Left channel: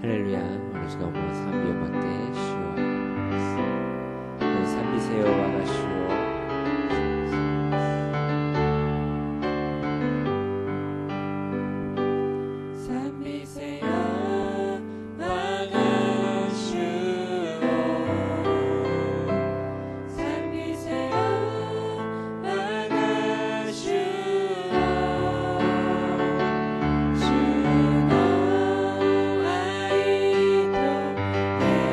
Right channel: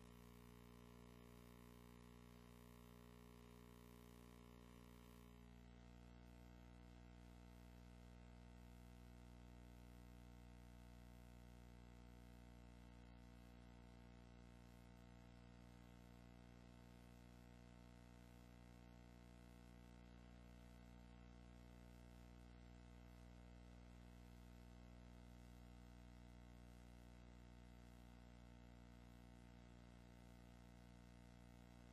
할렐루야. 오늘 시간 보면賛美を待って主を賛美せよ我が主を賛美せよ我が主を賛美せよ我が主を主の愛と恵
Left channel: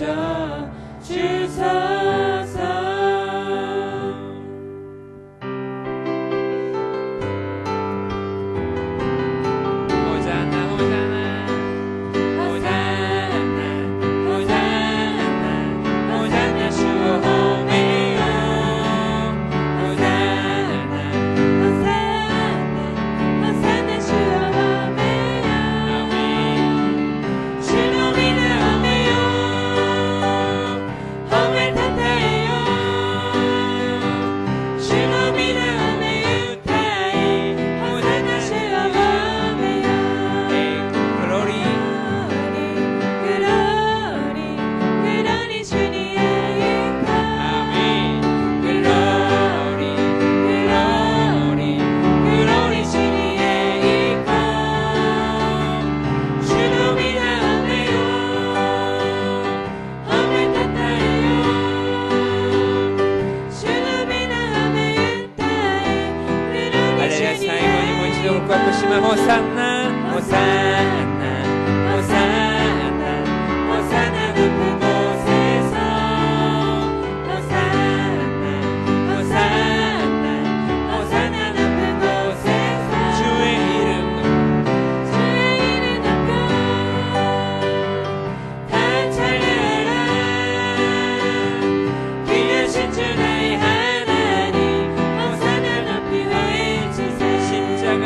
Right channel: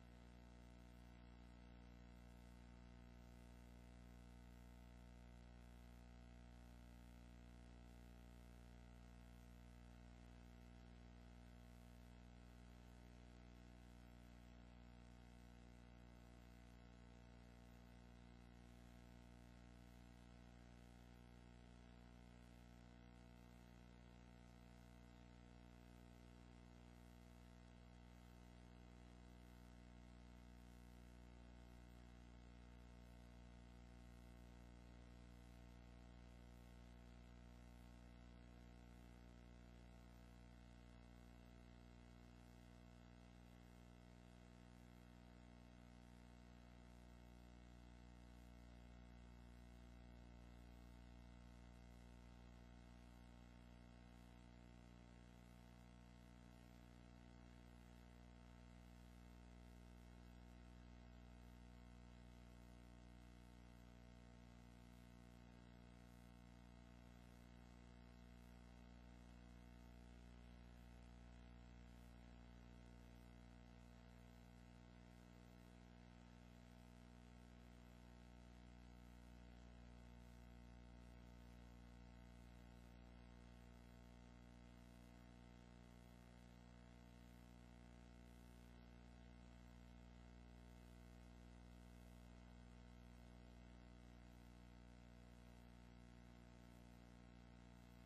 비춰 주소서. 호산나 호산나 호산나 호산나 높은 곳에서 호산나 호산나 호산나 높은 곳에서 주의 이름 높여 다 찬양하라. 귀하신 주 나의 하나님 호산나 높이 외치세. 십자가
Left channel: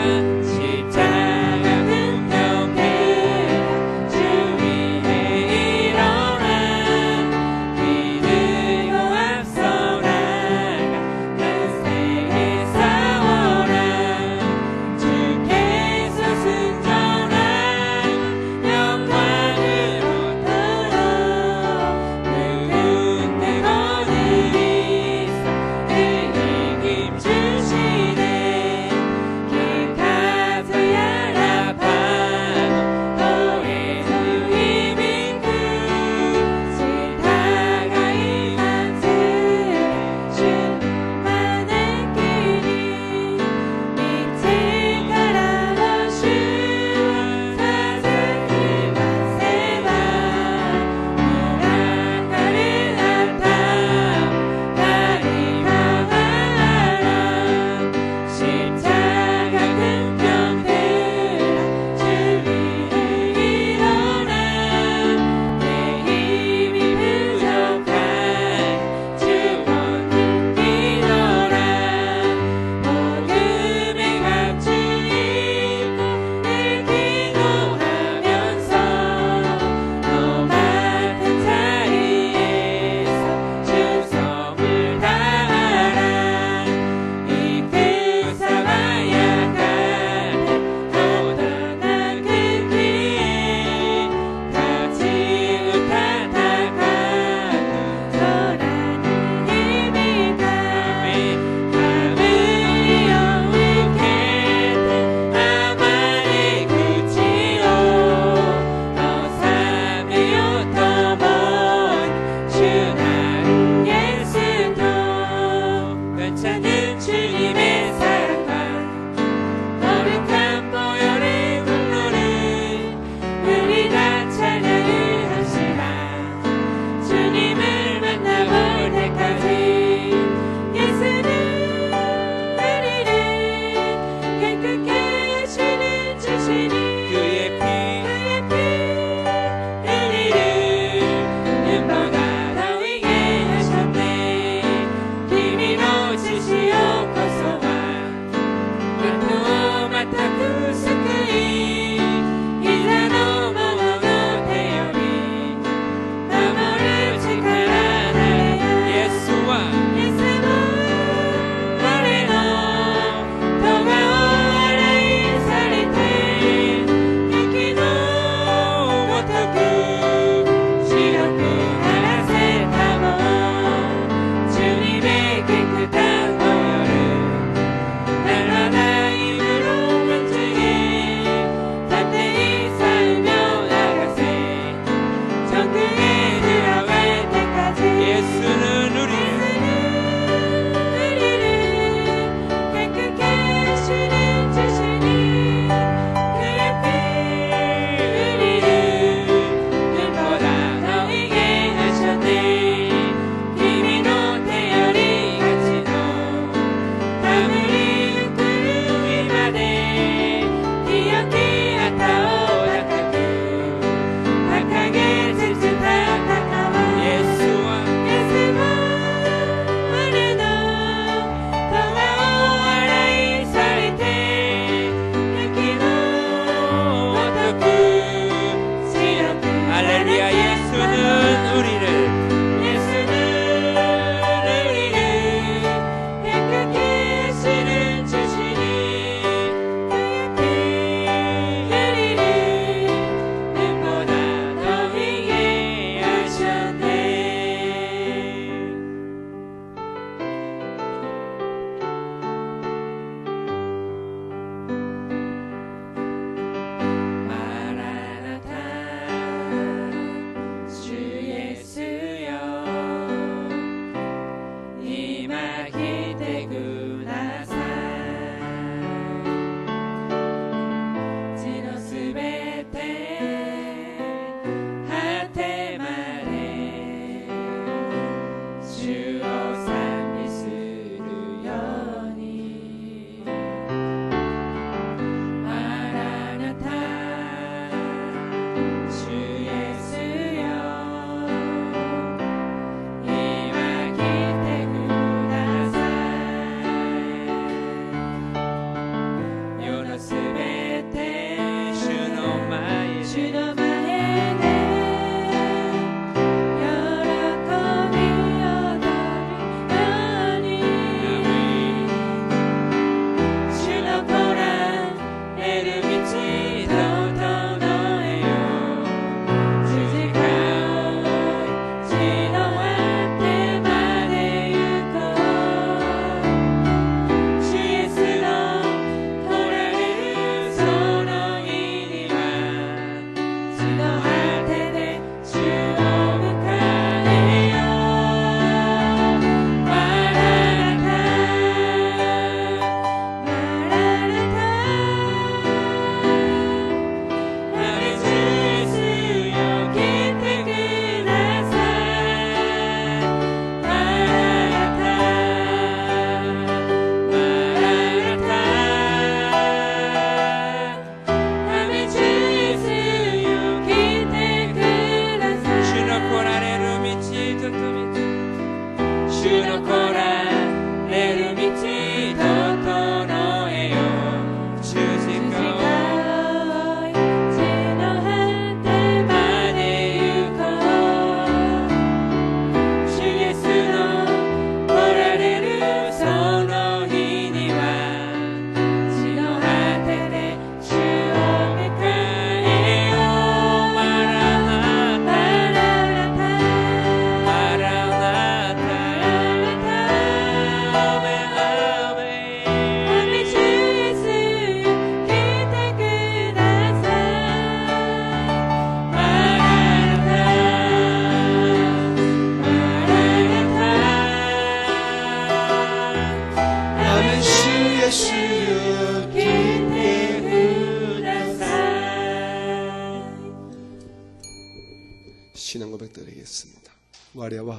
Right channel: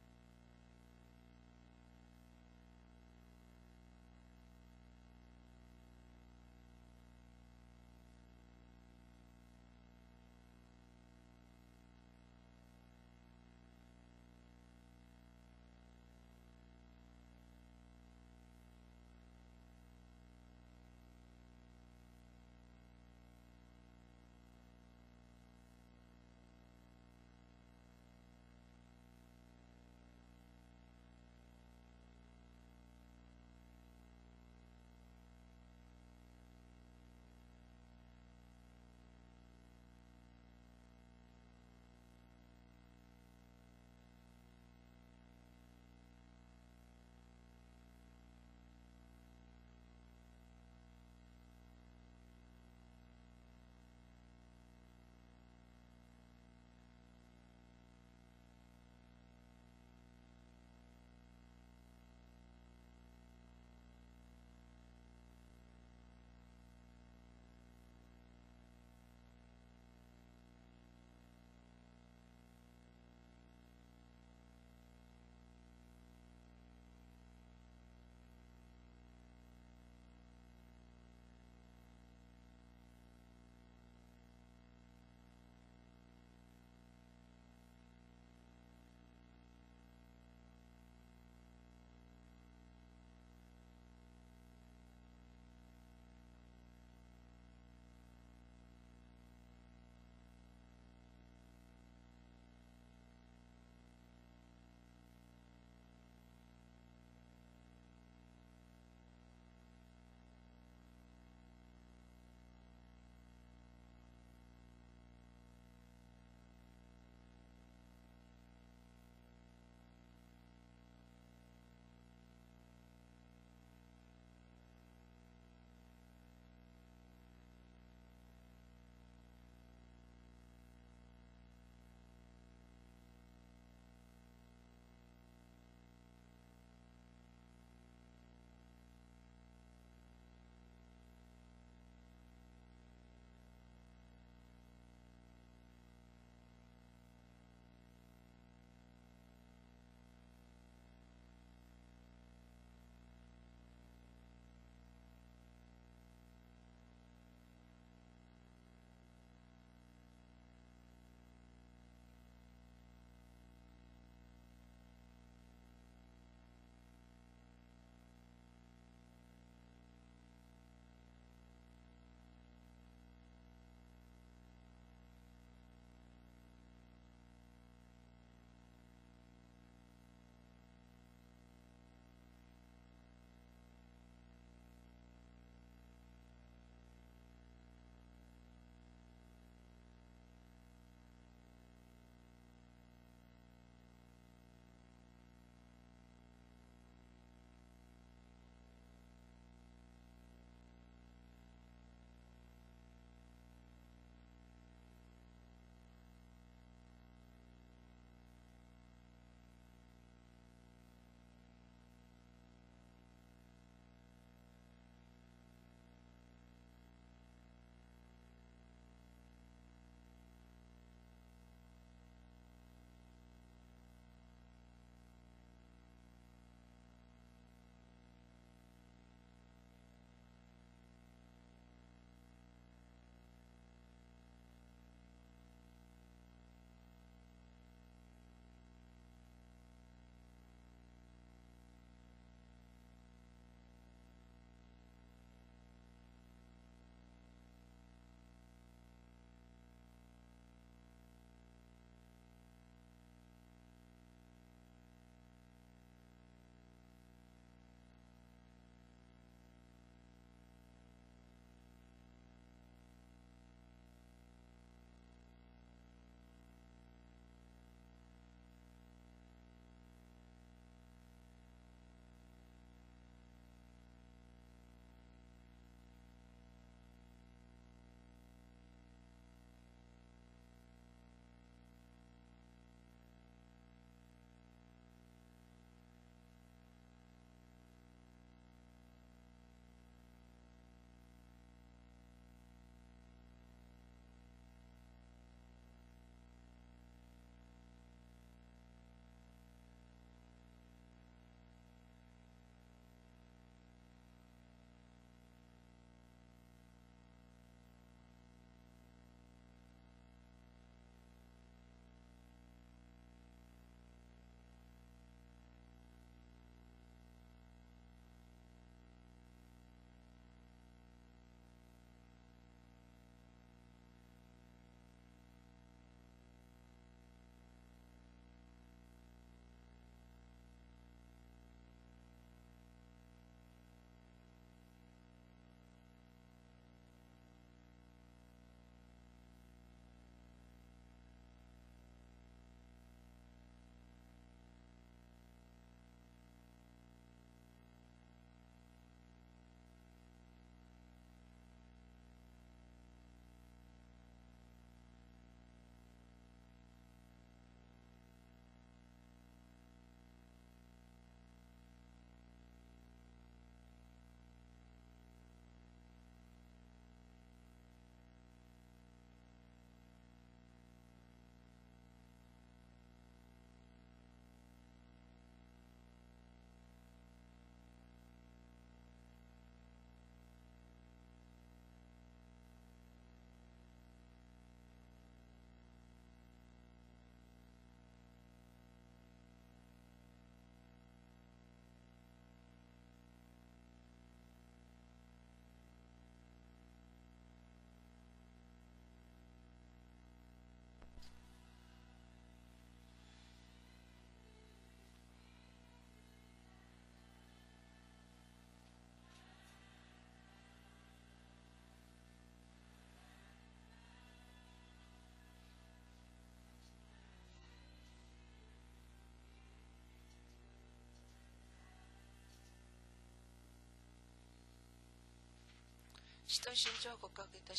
신앙 고백 드리겠습니다. 와레와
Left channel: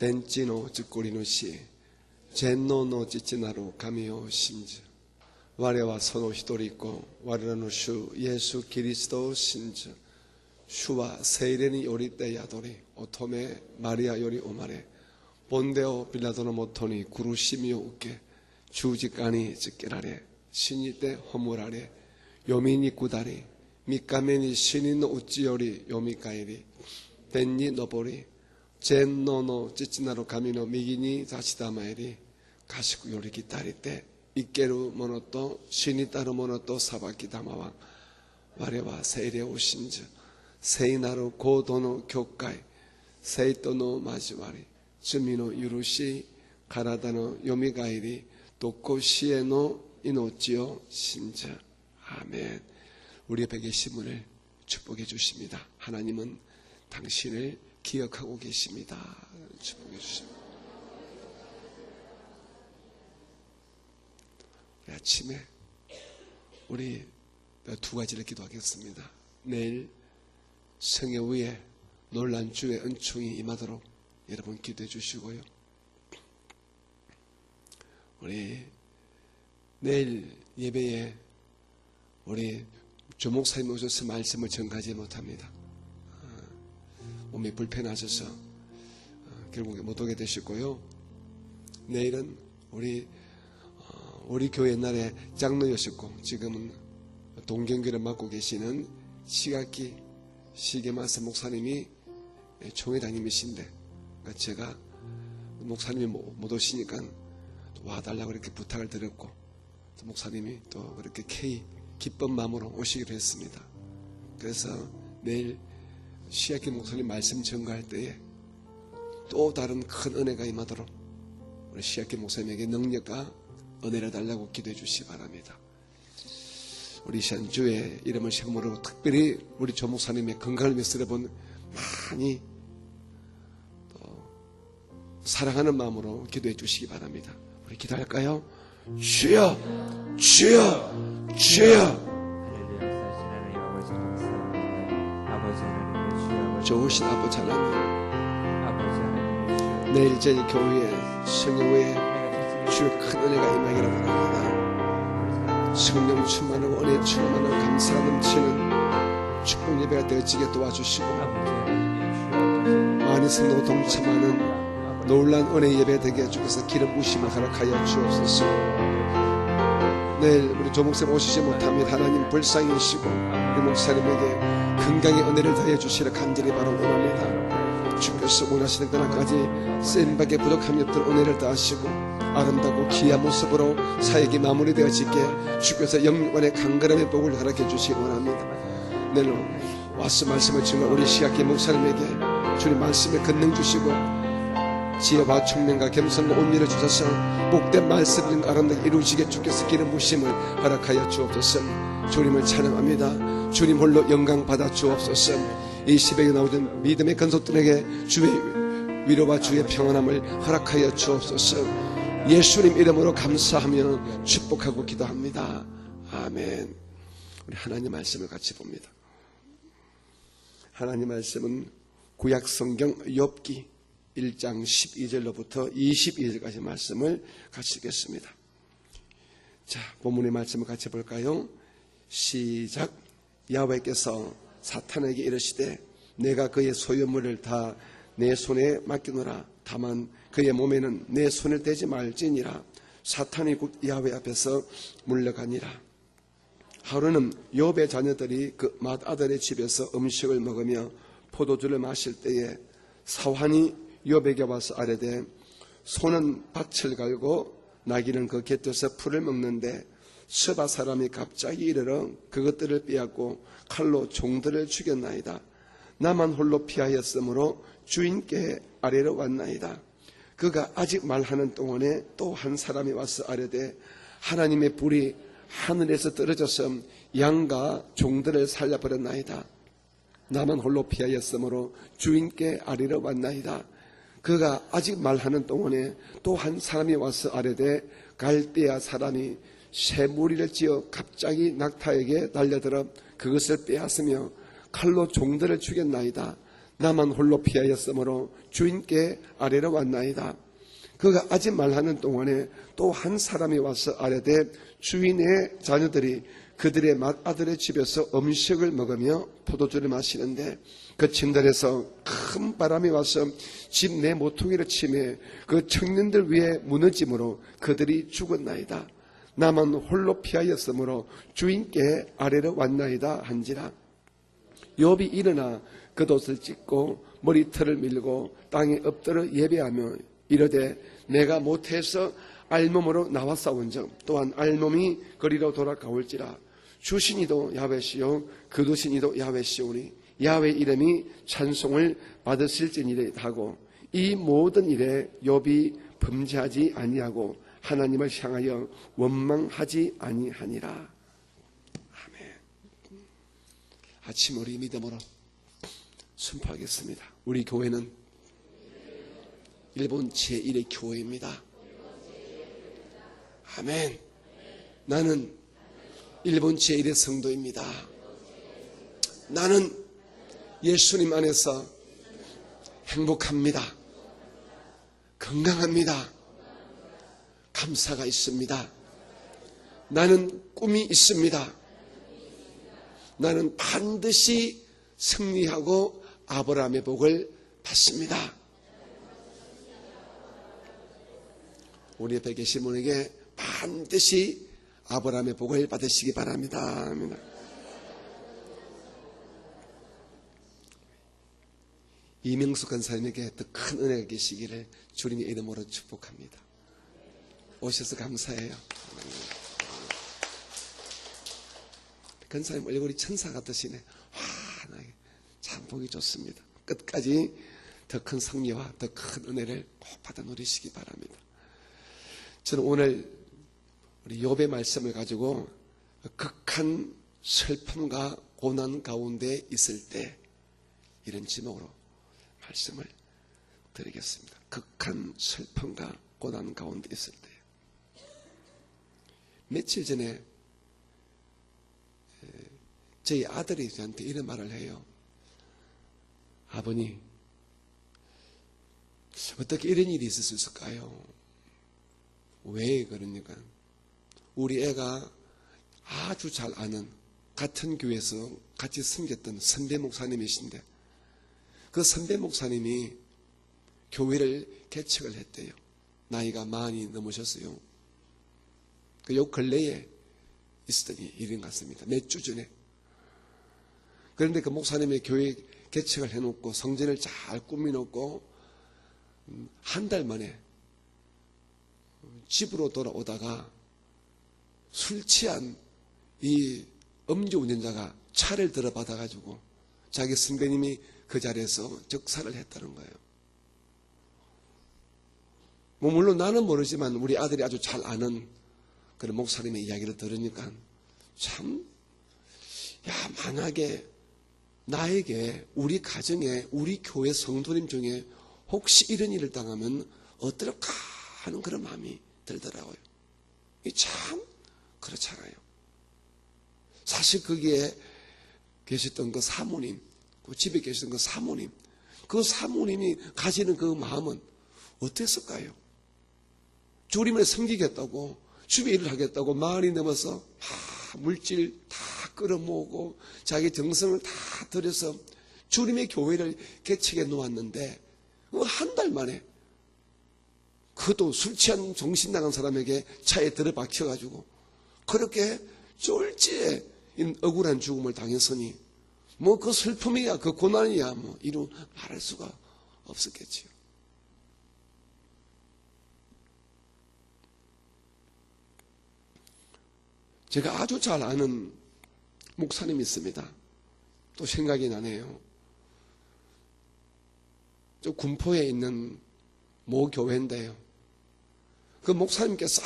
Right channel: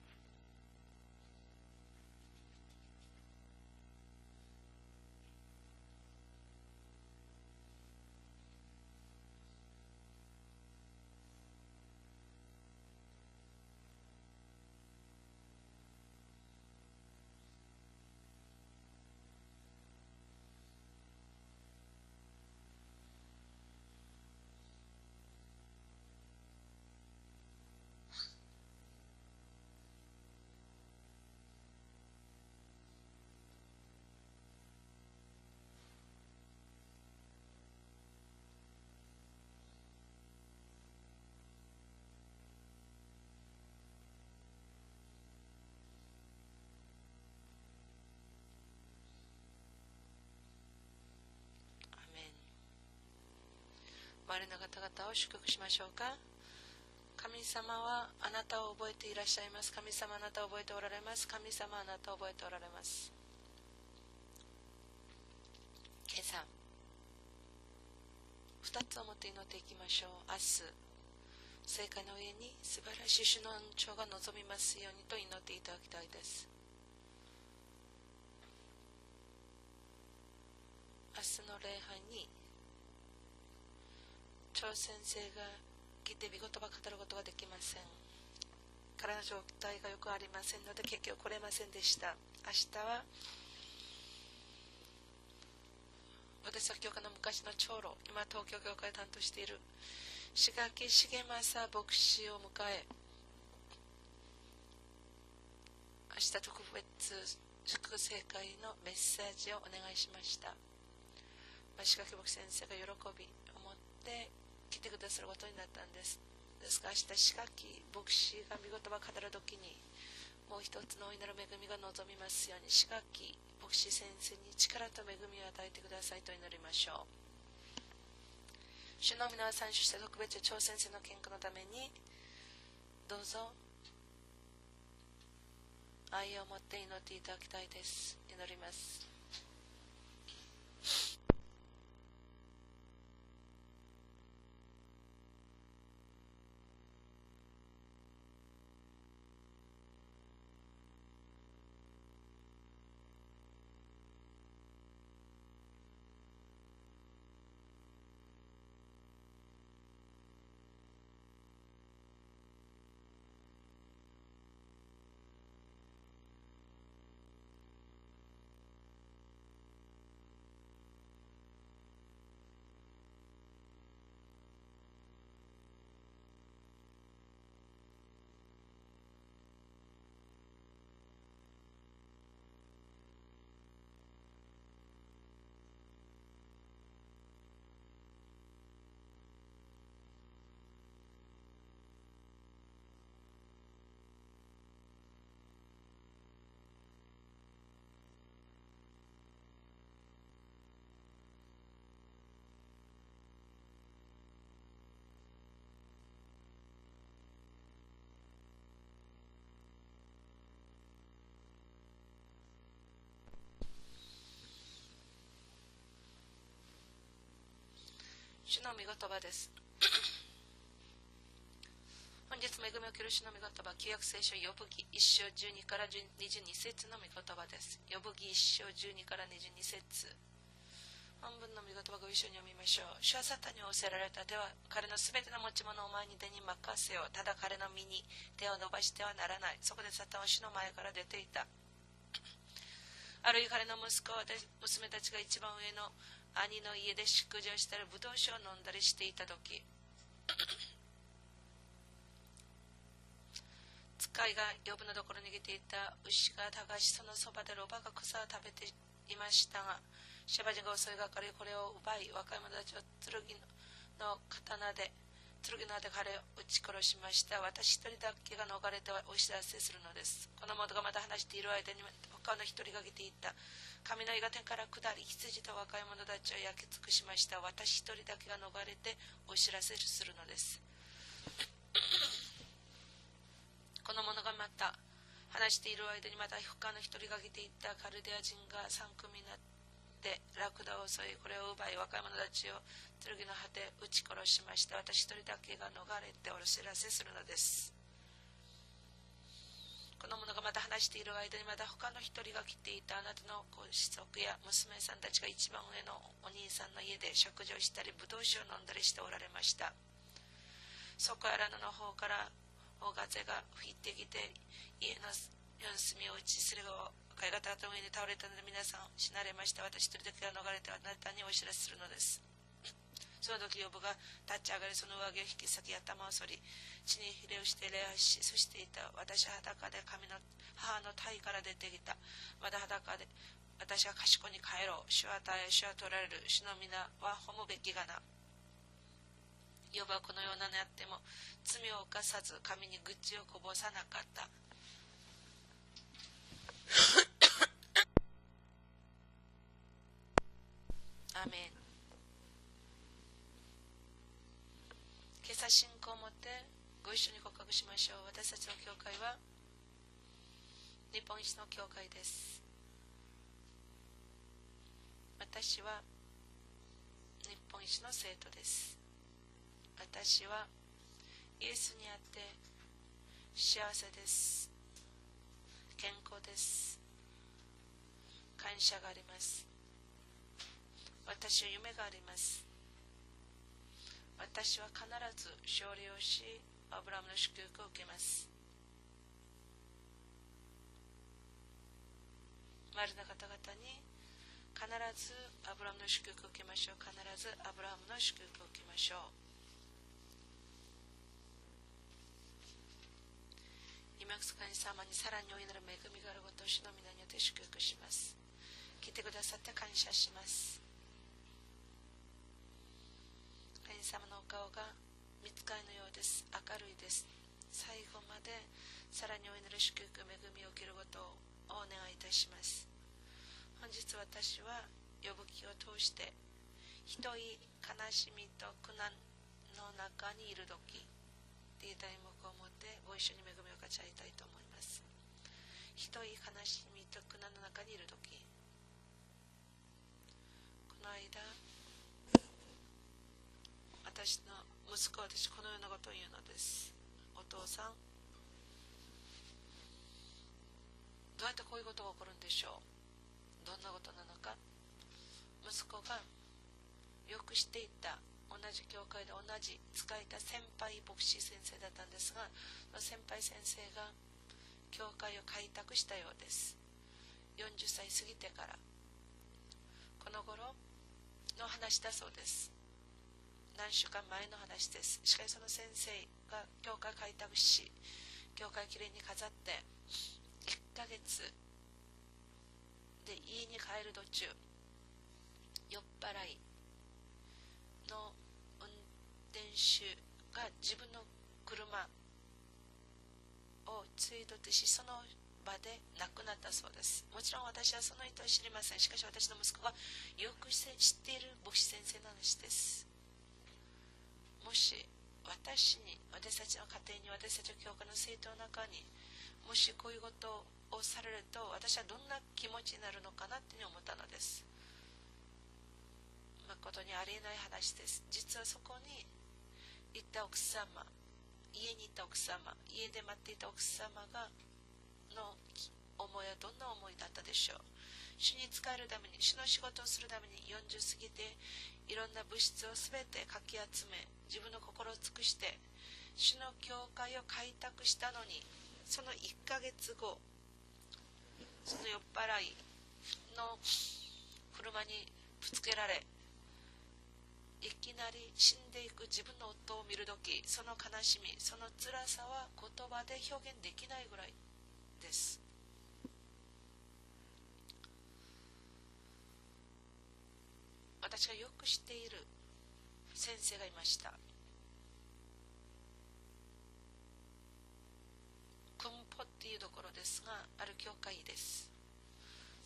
덴찌노 찌꼬리노시 젠노노 찌찌나로 가미오 신즈 와레와 선오 히도리고 와레노 슈 예수 그리스도 신즈 슈와 세이레니 요리떼 야도리 오토메 마리아 요리 오마레 본데오 빌라도노 모토니 구루시미오 우케 주직가니 찌끼라레 신이떼 허무라레 요미니 구다리 미카메니 신인노 우찌요리 요미카이리 덴니 노보리 젠노노 찌찌나로 가미노 미기니 다시다마에리 가시고 요리 기타리 때 이케루 모노또 신이따로 모노또 사바키 다마왕 와레와 세이레 오신즈 세이나로 고도노 교会세이토노 마지와리 주미노 유루시 가라다노 요미가이리 도코시에노 이노치오 신즈 아멘. 우리 옆에 계신 분을 축복해 주십니다. 하나님은 당신을 기억하고 계십니다. 아침에 우리 두 가지를 기도하겠습니다. 내일 성회 후에 놀란 주의 은총이 임하도록 여러분 기도해 주시고요. 우리 내일 예배에 우리 조 목사님 오셔서 말씀을 전가하지 못합니다. 몸이 불편하셔서 결국에 못 오게 되시고요. 내일은 우리 교회 옛날에 장로였었고 지금은 동경교를 맡고 계시는 시각기 시계마스 목사님이 총회장님이신데 제가 목사님이 못 오시니까 와달라고 이렇게 부탁을 드렸고 목사님이 또 그렇게 기쁜 마음으로 오시기로 했습니다. 그래서 내일 시아키 목사님 말씀 전가할 때에 또 다른 큰 은혜가 임하도록 시아키 목사님에게 능력과 은혜를 달라고 기도해 주시기 바랍니다. 우리 시안주의 이름을 세움으로 특별히 우리 조 목사님의 건강을 위해서 여러분 많이 사랑하는 마음으로 기도해 주시기 바랍니다. 우리 기도할까요? 주여 주여 주여 좋으신 아버지 하나님 내일 저희 교회에 성령의 주의 큰 은혜가 임하기를 원합니다. 성령 충만하고 은혜 충만하고 감사 넘치는 축복 예배가 되어지게 도와주시고 많이 성도 동참하는 놀란 은혜 예배 되게 해주셔서 기름 부으심을 허락하여 주옵소서. 내일 우리 조 목사님 오시지 못하면 하나님 불쌍히 여시고 우리 목사님에게 건강의 은혜를 더해 주시라 간절히 바로 원합니다. 주께서 원하시는 그날까지 쓰임받게 부족함이 없도록 은혜를 더하시고 아름다고 귀한 모습으로 사역이 마무리되어지게 주께서 영원의 강건함의 복을 허락해 주시기 원합니다. 내일 와서 말씀을 증거 우리 시각기 목사님에게 주님 말씀에 권능 주시고 지혜와 총명과 겸손과 온유를 주셔서 복된 말씀을 아름답게 이루시게 주께서 기름 부으심을 허락하여 주옵소서. 주님을 찬양합니다. 주님 홀로 영광 받아 주옵소서. 이 새벽에 나오던 믿음의 건속들에게 주의 위로와 주의 평안함을 허락하여 주옵소서. 예수님 이름으로 감사하며 축복하고 기도합니다. 아멘. 우리 하나님 말씀을 같이 봅니다. 하나님 말씀은 구약 성경 욥기 1장 12절로부터 22절까지 말씀을 같이 읽겠습니다. 자, 본문의 말씀을 같이 볼까요? 시작. 야훼께서 사탄에게 이르시되 내가 그의 소유물을 다 내 손에 맡기노라. 다만 그의 몸에는 내 손을 대지 말지니라. 사탄이 곧 야훼 앞에서 물러가니라. 하루는 욥의 자녀들이 그 맏아들의 집에서 음식을 먹으며 포도주를 마실 때에 사환이 욥에게 와서 아뢰되 소는 밭을 갈고 나귀는 그 곁에서 풀을 먹는데 스바 사람이 갑자기 이르러 그것들을 빼앗고 칼로 종들을 죽였나이다. 나만 홀로 피하였으므로 주인께 아뢰러 왔나이다. 그가 아직 말하는 동안에 또 한 사람이 와서 아뢰되 하나님의 불이 하늘에서 떨어져서 양과 종들을 살려버렸나이다. 나만 홀로 피하였으므로 주인께 아뢰러 왔나이다. 그가 아직 말하는 동안에 또 한 사람이 와서 아뢰되 갈대아 사람이 새 무리를 지어 갑자기 낙타에게 달려들어 그것을 빼앗으며 칼로 종들을 죽였나이다. 나만 홀로 피하였으므로 주인께 아래로 왔나이다. 그가 아직 말하는 동안에 또 한 사람이 와서 아뢰되 주인의 자녀들이 그들의 맏아들의 집에서 음식을 먹으며 포도주를 마시는데 그 층들에서 큰 바람이 와서 집 내 모퉁이를 치매 그 청년들 위에 무너짐으로 그들이 죽었나이다. 나만 홀로 피하였으므로 주인께 아래로 왔나이다 한지라. 욥이 일어나 겉옷을 찢고 머리털을 밀고 땅에 엎드려 예배하며 이르되 내가 못해서 알몸으로 나왔사온즉 또한 알몸이 거리로 돌아가올지라. 주신이도 야훼시요 거두신이도 야훼시오니 야훼 이름이 찬송을 받으실지니라 하고 이 모든 일에 욥이 범죄하지 아니하고 하나님을 향하여 원망하지 아니하니라. 아멘. 아침 우리 믿음으로 순포하겠습니다. 우리 교회는 일본 제1의 교회입니다. 아멘. 나는 일본 제1의 성도입니다. 나는 예수님 안에서 행복합니다. 건강합니다. 감사가 있습니다. 나는 꿈이 있습니다. 나는 반드시 승리하고 아브라함의 복을 받습니다. 우리 옆에 계신 분에게 반드시 아브라함의 복을 받으시기 바랍니다. 이명숙 권사님에게 더 큰 은혜가 계시기를 주님의 이름으로 축복합니다. 오셔서 감사해요. 권사님 얼굴이 천사 같으시네. 참 보기 좋습니다. 끝까지 더 큰 승리와 더 큰 은혜를 꼭 받아 누리시기 바랍니다. 저는 오늘 우리 욥의 말씀을 가지고 극한 슬픔과 고난 가운데 있을 때 이런 제목으로 말씀을 드리겠습니다. 극한 슬픔과 고난 가운데 있을 때. 며칠 전에 저희 아들이 저한테 이런 말을 해요. 아버님, 어떻게 이런 일이 있을 수 있을까요? 왜 그러니까 우리 애가 아주 잘 아는 같은 교회에서 같이 섬겼던 선배 목사님이신데 그 선배 목사님이 교회를 개척을 했대요. 나이가 많이 넘으셨어요. 그 요 근래에 있었던 일인 것 같습니다. 몇 주 전에. 그런데 그 목사님의 교회 개척을 해놓고 성전을 잘 꾸며놓고 한 달 만에 집으로 돌아오다가 술 취한 이 음주운전자가 차를 들어받아가지고 자기 선배님이 그 자리에서 즉사를 했다는 거예요. 뭐 물론 나는 모르지만 우리 아들이 아주 잘 아는 그런 목사님의 이야기를 들으니까 참, 야, 만약에 나에게 우리 가정에 우리 교회 성도님 중에 혹시 이런 일을 당하면 어떨까 하는 그런 마음이 들더라고요. 이 참 그렇잖아요. 사실 거기에 계셨던 그 사모님, 집에 계시던 그 사모님, 그 사모님이 가지는 그 마음은 어땠을까요? 주님을 섬기겠다고, 주의 일을 하겠다고 많이 넘어서 물질 다 끌어모으고 자기 정성을 다 들여서 주님의 교회를 개척해 놓았는데 한 달 만에 그도 술 취한 정신 나간 사람에게 차에 들어박혀가지고 그렇게 쫄지에 억울한 죽음을 당했으니 뭐 그 슬픔이야 그 고난이야 뭐 이루 말할 수가 없었겠지. 제가 아주 잘 아는 목사님이 있습니다. 또 생각이 나네요. 저 군포에 있는 모 교회인데요. 그 목사님께서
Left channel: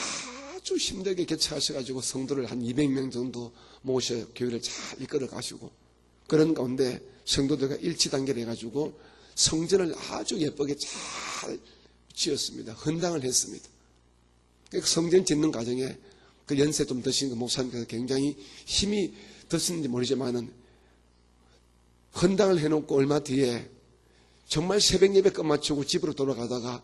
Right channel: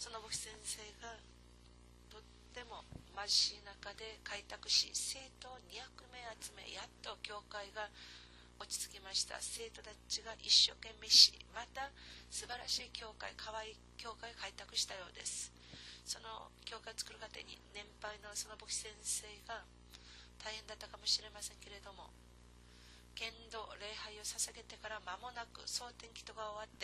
아주 힘들게 개척하셔가지고 성도를 한 200명 정도 모셔 교회를 잘 이끌어 가시고 그런 가운데 성도들과 일치단결 해가지고 성전을 아주 예쁘게 잘 지었습니다. 헌당을 했습니다. 그 성전 짓는 과정에 그 연세 좀 드신 그 목사님께서 굉장히 힘이 드셨는지 모르지만은 헌당을 해놓고 얼마 뒤에 정말 새벽 예배 끝마치고 집으로 돌아가다가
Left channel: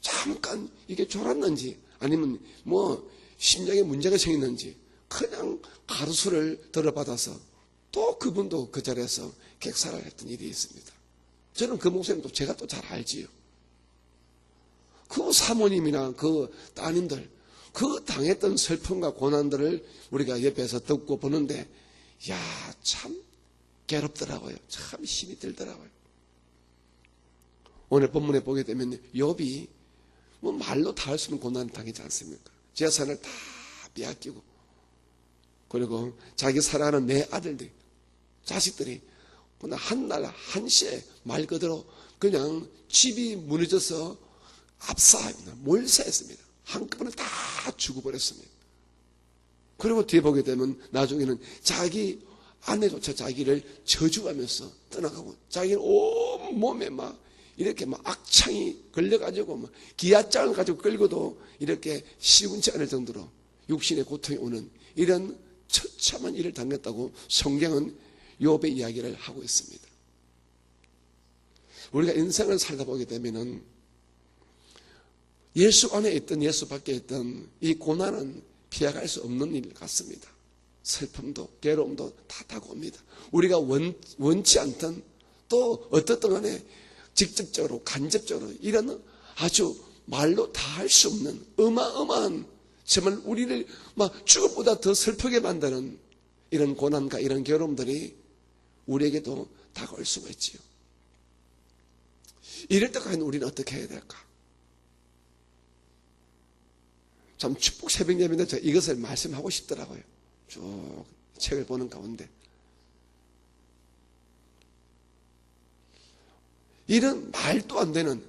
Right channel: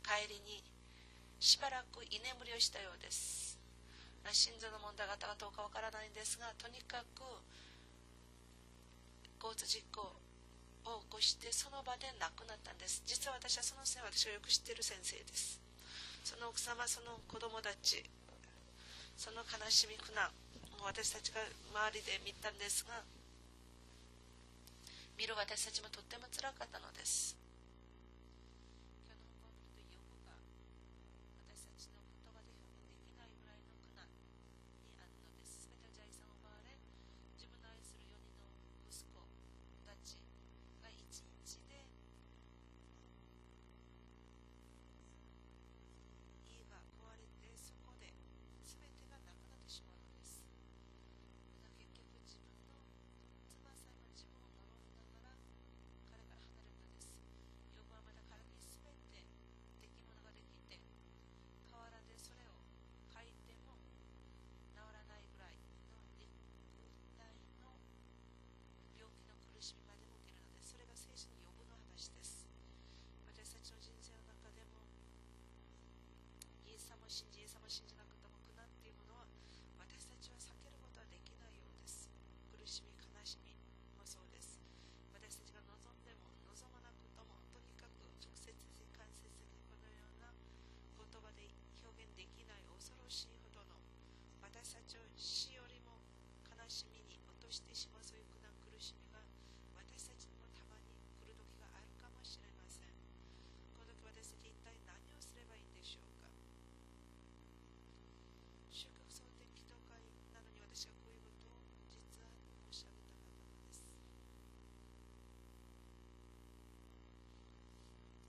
잠깐 이게 졸았는지 아니면 뭐 심장에 문제가 생겼는지 그냥 가루수를 들어받아서 또 그분도 그 자리에서 객사를 했던 일이 있습니다. 저는 그 목사님도 제가 또 잘 알지요. 그 사모님이나 그 따님들 그 당했던 슬픔과 고난들을 우리가 옆에서 듣고 보는데 야, 참 괴롭더라고요. 참 힘이 들더라고요. 오늘 본문에 보게 되면 욥이 뭐 말로 다 할 수 없는 고난을 당하지 않습니까? 재산을 다 빼앗기고 그리고 자기 사랑하는 내 아들들 자식들이 그냥 한날 한시에 말 그대로 그냥 집이 무너져서 압사합니다. 몰사했습니다. 한꺼번에 다 죽어버렸습니다. 그리고 뒤에 보게 되면 나중에는 자기 아내조차 자기를 저주하면서 떠나가고 자기는 온몸에 막 이렇게 막 악창이 걸려가지고 막 기아장을 가지고 끌고도 이렇게 시운치 않을 정도로 육신의 고통이 오는 이런 처참한 일을 당했다고 성경은 욥의 이야기를 하고 있습니다. 우리가 인생을 살다 보게 되면은 예수 안에 있던 예수 밖에 있던 이 고난은 피해갈 수 없는 일 같습니다. 슬픔도 괴로움도 다 다가옵니다. 우리가 원치 않던 또 어떻든 간에 직접적으로 간접적으로 이런 아주 말로 다 할 수 없는 어마어마한 정말 우리를 막 죽음보다 더 슬프게 만드는 이런 고난과 이런 괴로움들이 우리에게도 다가올 수가 있지요. 이럴 때까지 우리는 어떻게 해야 될까? 참 축복 새벽 예배인데 제가 이것을 말씀하고 싶더라고요. 쭉 책을 보는 가운데 이런 말도 안 되는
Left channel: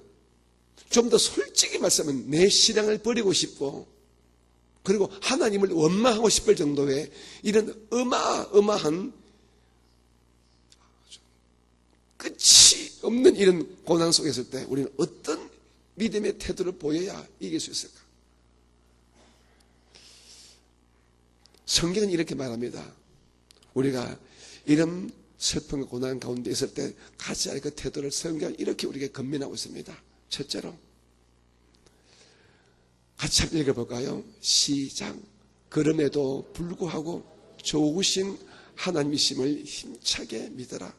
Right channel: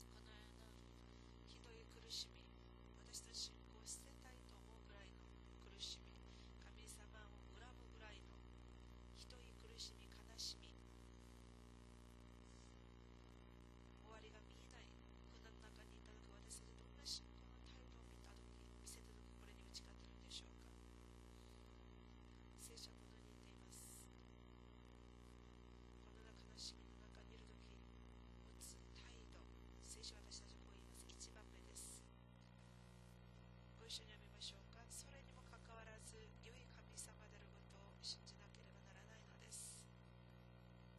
좀 더 솔직히 말씀하면 내 신앙을 버리고 싶고 그리고 하나님을 원망하고 싶을 정도의 이런 어마어마한 끝이 없는 이런 고난 속에 있을 때 우리는 어떤 믿음의 태도를 보여야 이길 수 있을까? 성경은 이렇게 말합니다. 우리가 이런 슬픔과 고난 가운데 있을 때 가져야 할 그 태도를 성경은 이렇게 우리에게 권면하고 있습니다. 첫째로 같이 한번 읽어볼까요? 시작. 그럼에도 불구하고 좋으신 하나님이심을 힘차게 믿어라.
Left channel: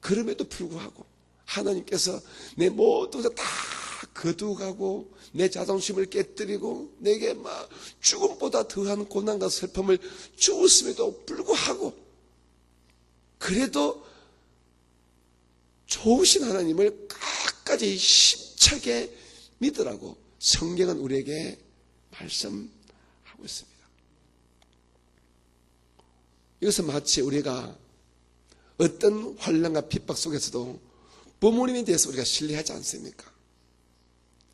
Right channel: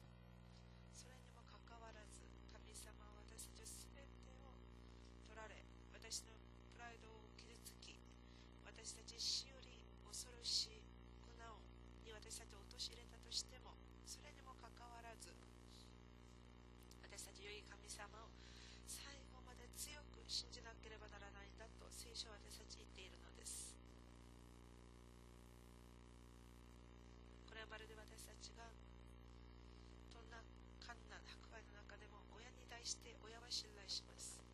그럼에도 불구하고 하나님께서 내 모든 것을 다 거두가고 내 자존심을 깨뜨리고 내게 막 죽음보다 더한 고난과 슬픔을 주었음에도 불구하고 그래도 좋으신 하나님을 끝까지 힘차게 믿으라고 성경은 우리에게 말씀하고 있습니다. 이것은 마치 우리가 어떤 환난과 핍박 속에서도 부모님에 대해서 우리가 신뢰하지 않습니까?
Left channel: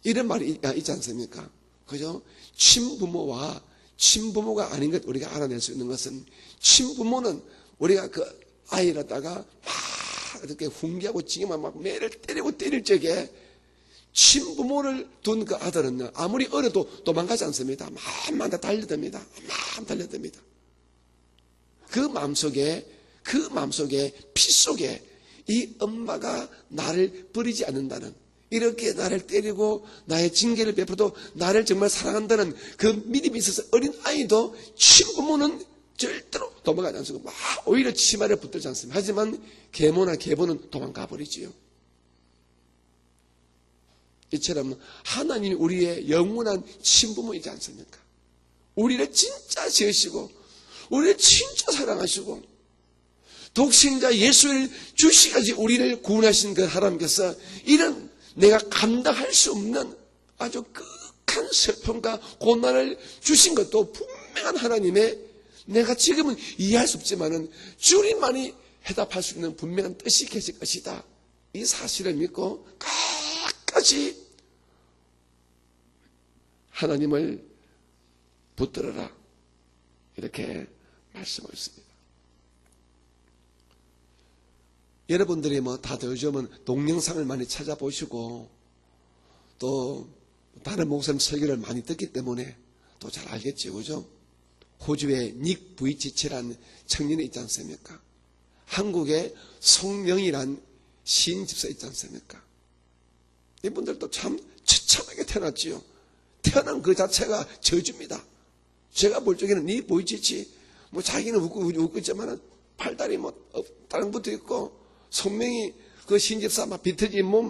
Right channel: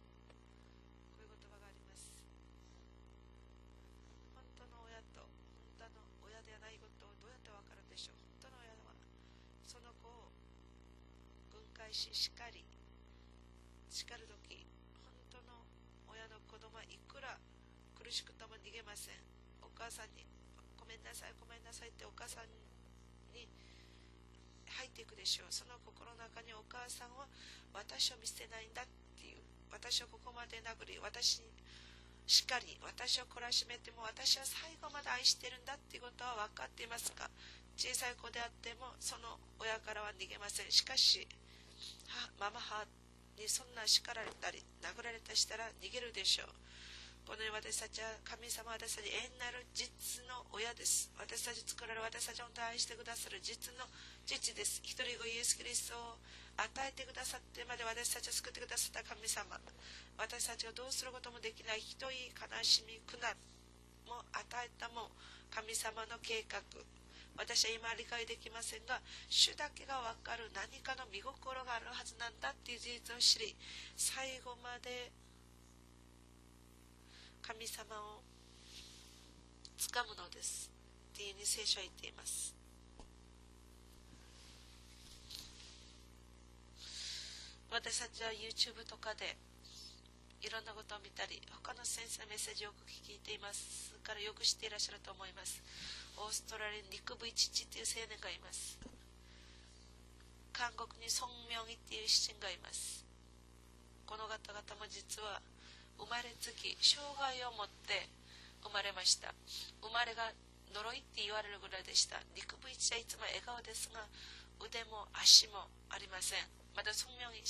이런 말이 있지 않습니까? 그죠? 친부모와 친부모가 아닌 것 우리가 알아낼 수 있는 것은 친부모는 우리가 그 아이라다가 막 이렇게 훈계하고 징계만 막 매를 때리고 때릴 적에 친부모를 둔 그 아들은 아무리 어려도 도망가지 않습니다. 막 달려듭니다. 막 달려듭니다. 그 마음속에 피 속에 이 엄마가 나를 버리지 않는다는 이렇게 나를 때리고 나의 징계를 베풀어도 나를 정말 사랑한다는 그 믿음이 있어서 어린 아이도 친부모는 절대로 도망가지 않습니다. 막 오히려 치마를 붙들지 않습니다. 하지만 계모나 계보는 도망가 버리지요. 이처럼 하나님이 우리의 영원한 친부모이지 않습니까? 우리를 진짜 지으시고 우리를 진짜 사랑하시고 독생자 예수를 주시까지 우리를 구원하신 그 하나님께서 이런 내가 감당할 수 없는 아주 극한 슬픔과 고난을 주신 것도 분명한 하나님의 내가 지금은 이해할 수 없지만은 주님만이 해답할 수 있는 분명한 뜻이 계실 것이다. 이 사실을 믿고 끝까지 하나님을 붙들어라. 이렇게 말씀하셨습니다. 여러분들이 뭐 다들 요즘은 동영상을 많이 찾아보시고 또 다른 목사님 설교를 많이 듣기 때문에 또 잘 알겠죠, 그죠? 호주의 닉 부이치치라는 청년이 있지 않습니까? 한국의 송명이란 시인 집사 있지 않습니까? 이분들도 참 처참하게 태어났지요. 태어난 그 자체가 저주입니다. 제가 볼 적에는 니 보이치치, 뭐 자기는 웃고 있지만은 팔다리 뭐 다른 것도 있고, 손명이 그 시인 집사 막 비틀진 몸,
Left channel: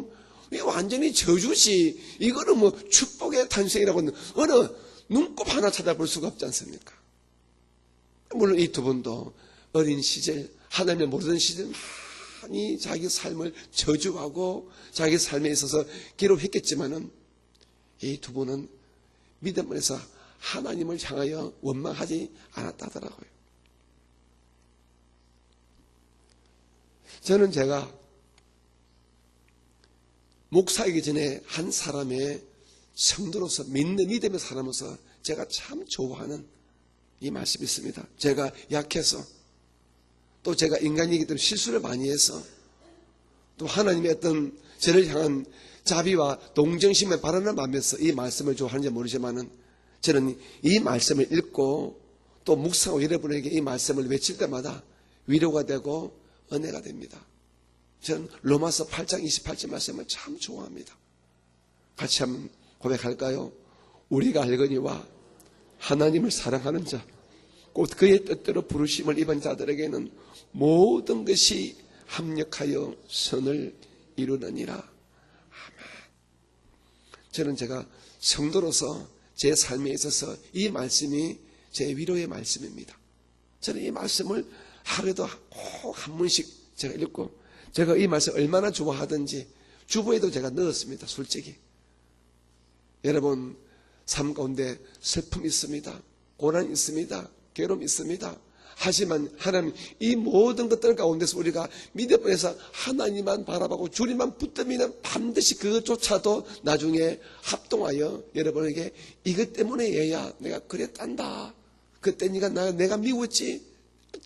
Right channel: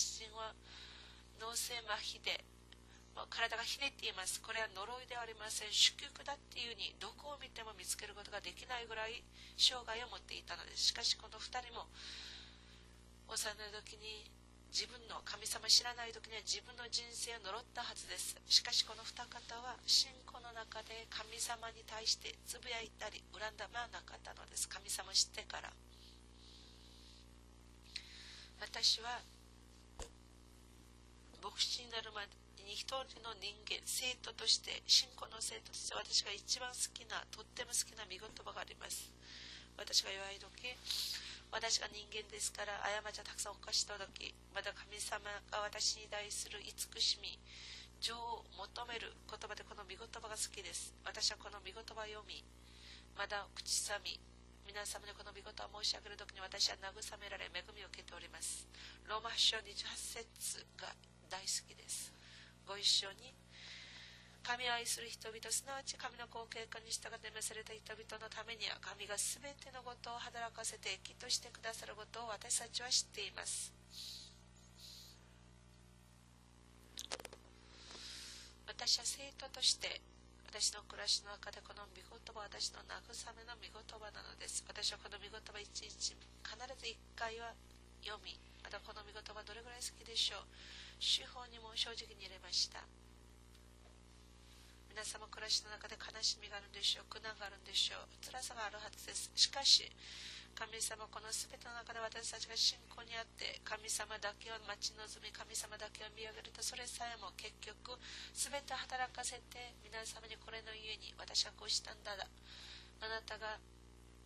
이거 완전히 저주지. 이거는 뭐 축복의 탄생이라고 어느 눈곱 하나 찾아볼 수가 없지 않습니까? 물론 이 두 분도 어린 시절, 하나님의 모든 시절 많이 자기 삶을 저주하고 자기 삶에 있어서 기록했겠지만은 이 두 분은 믿음 안에서 하나님을 향하여 원망하지 않았다더라고요. 저는 제가 목사이기 전에 한 사람의 성도로서 믿음의 사람으로서 제가 참 좋아하는 이 말씀이 있습니다. 제가 약해서 또 제가 인간이기 때문에 실수를 많이 해서 또 하나님의 어떤 저를 향한 자비와 동정심에 바라는 마음에서 이 말씀을 좋아하는지 모르지만은 저는 이 말씀을 읽고 또 묵상하고 여러분에게 이 말씀을 외칠 때마다 위로가 되고 은혜가 됩니다. 저는 로마서 8장 28절 말씀을 참 좋아합니다. 같이 한번 고백할까요? 우리가 알거니와 하나님을 사랑하는 자, 곧 그의 뜻대로 부르심을 입은 자들에게는 모든 것이 합력하여 선을 이루느니라. 아멘. 저는 제가 성도로서 제 삶에 있어서 이 말씀이 제 위로의 말씀입니다. 저는 이 말씀을 하루에도 꼭 한 번씩 제가 읽고, 제가 이 말씀 얼마나 좋아하든지 주부에도 제가 넣었습니다. 솔직히 여러분 삶 가운데 슬픔이 있습니다. 고난이 있습니다. 괴로움이 있습니다. 하지만 하나님 이 모든 것들 가운데서 우리가 믿음에서 하나님만 바라보고 주님만 붙들면 반드시 그것조차도 나중에 합동하여 여러분에게 이것 때문에 얘야 내가 그랬단다. 그때 내가 미웠지.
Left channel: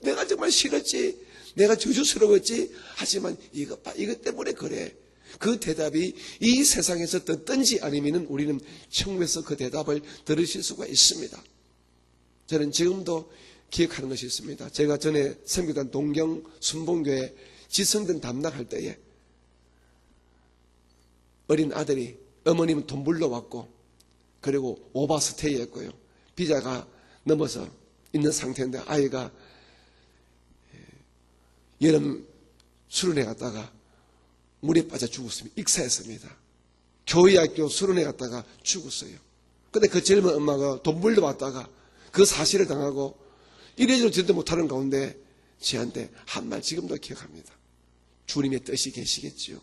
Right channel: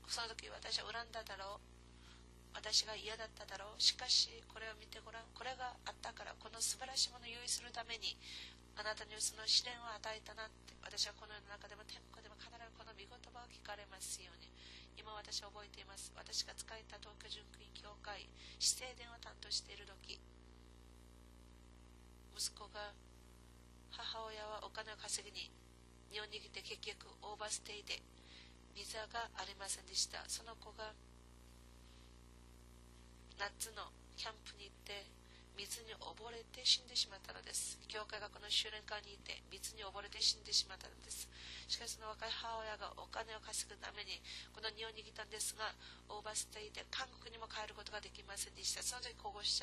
내가 정말 싫었지. 내가 저주스러웠지. 하지만 이것 때문에 그래. 그 대답이 이 세상에서 듣든지 아니면 우리는 천국에서 그 대답을 들으실 수가 있습니다. 저는 지금도 기억하는 것이 있습니다. 제가 전에 섬기던 동경 순봉교회 지성전 담당할 때에 어린 아들이 어머님 돈 불러왔고 그리고 오버스테이였고요. 비자가 넘어서 있는 상태인데 아이가 여름 수련회 갔다가 물에 빠져 죽었습니다. 익사했습니다. 교회학교 수련회 갔다가 죽었어요. 근데 그 젊은 엄마가 돈 불러왔다가 그 사실을 당하고 이래저래 듣도 못하는 가운데 저한테 한 말 지금도 기억합니다. 주님의 뜻이 계시겠지요.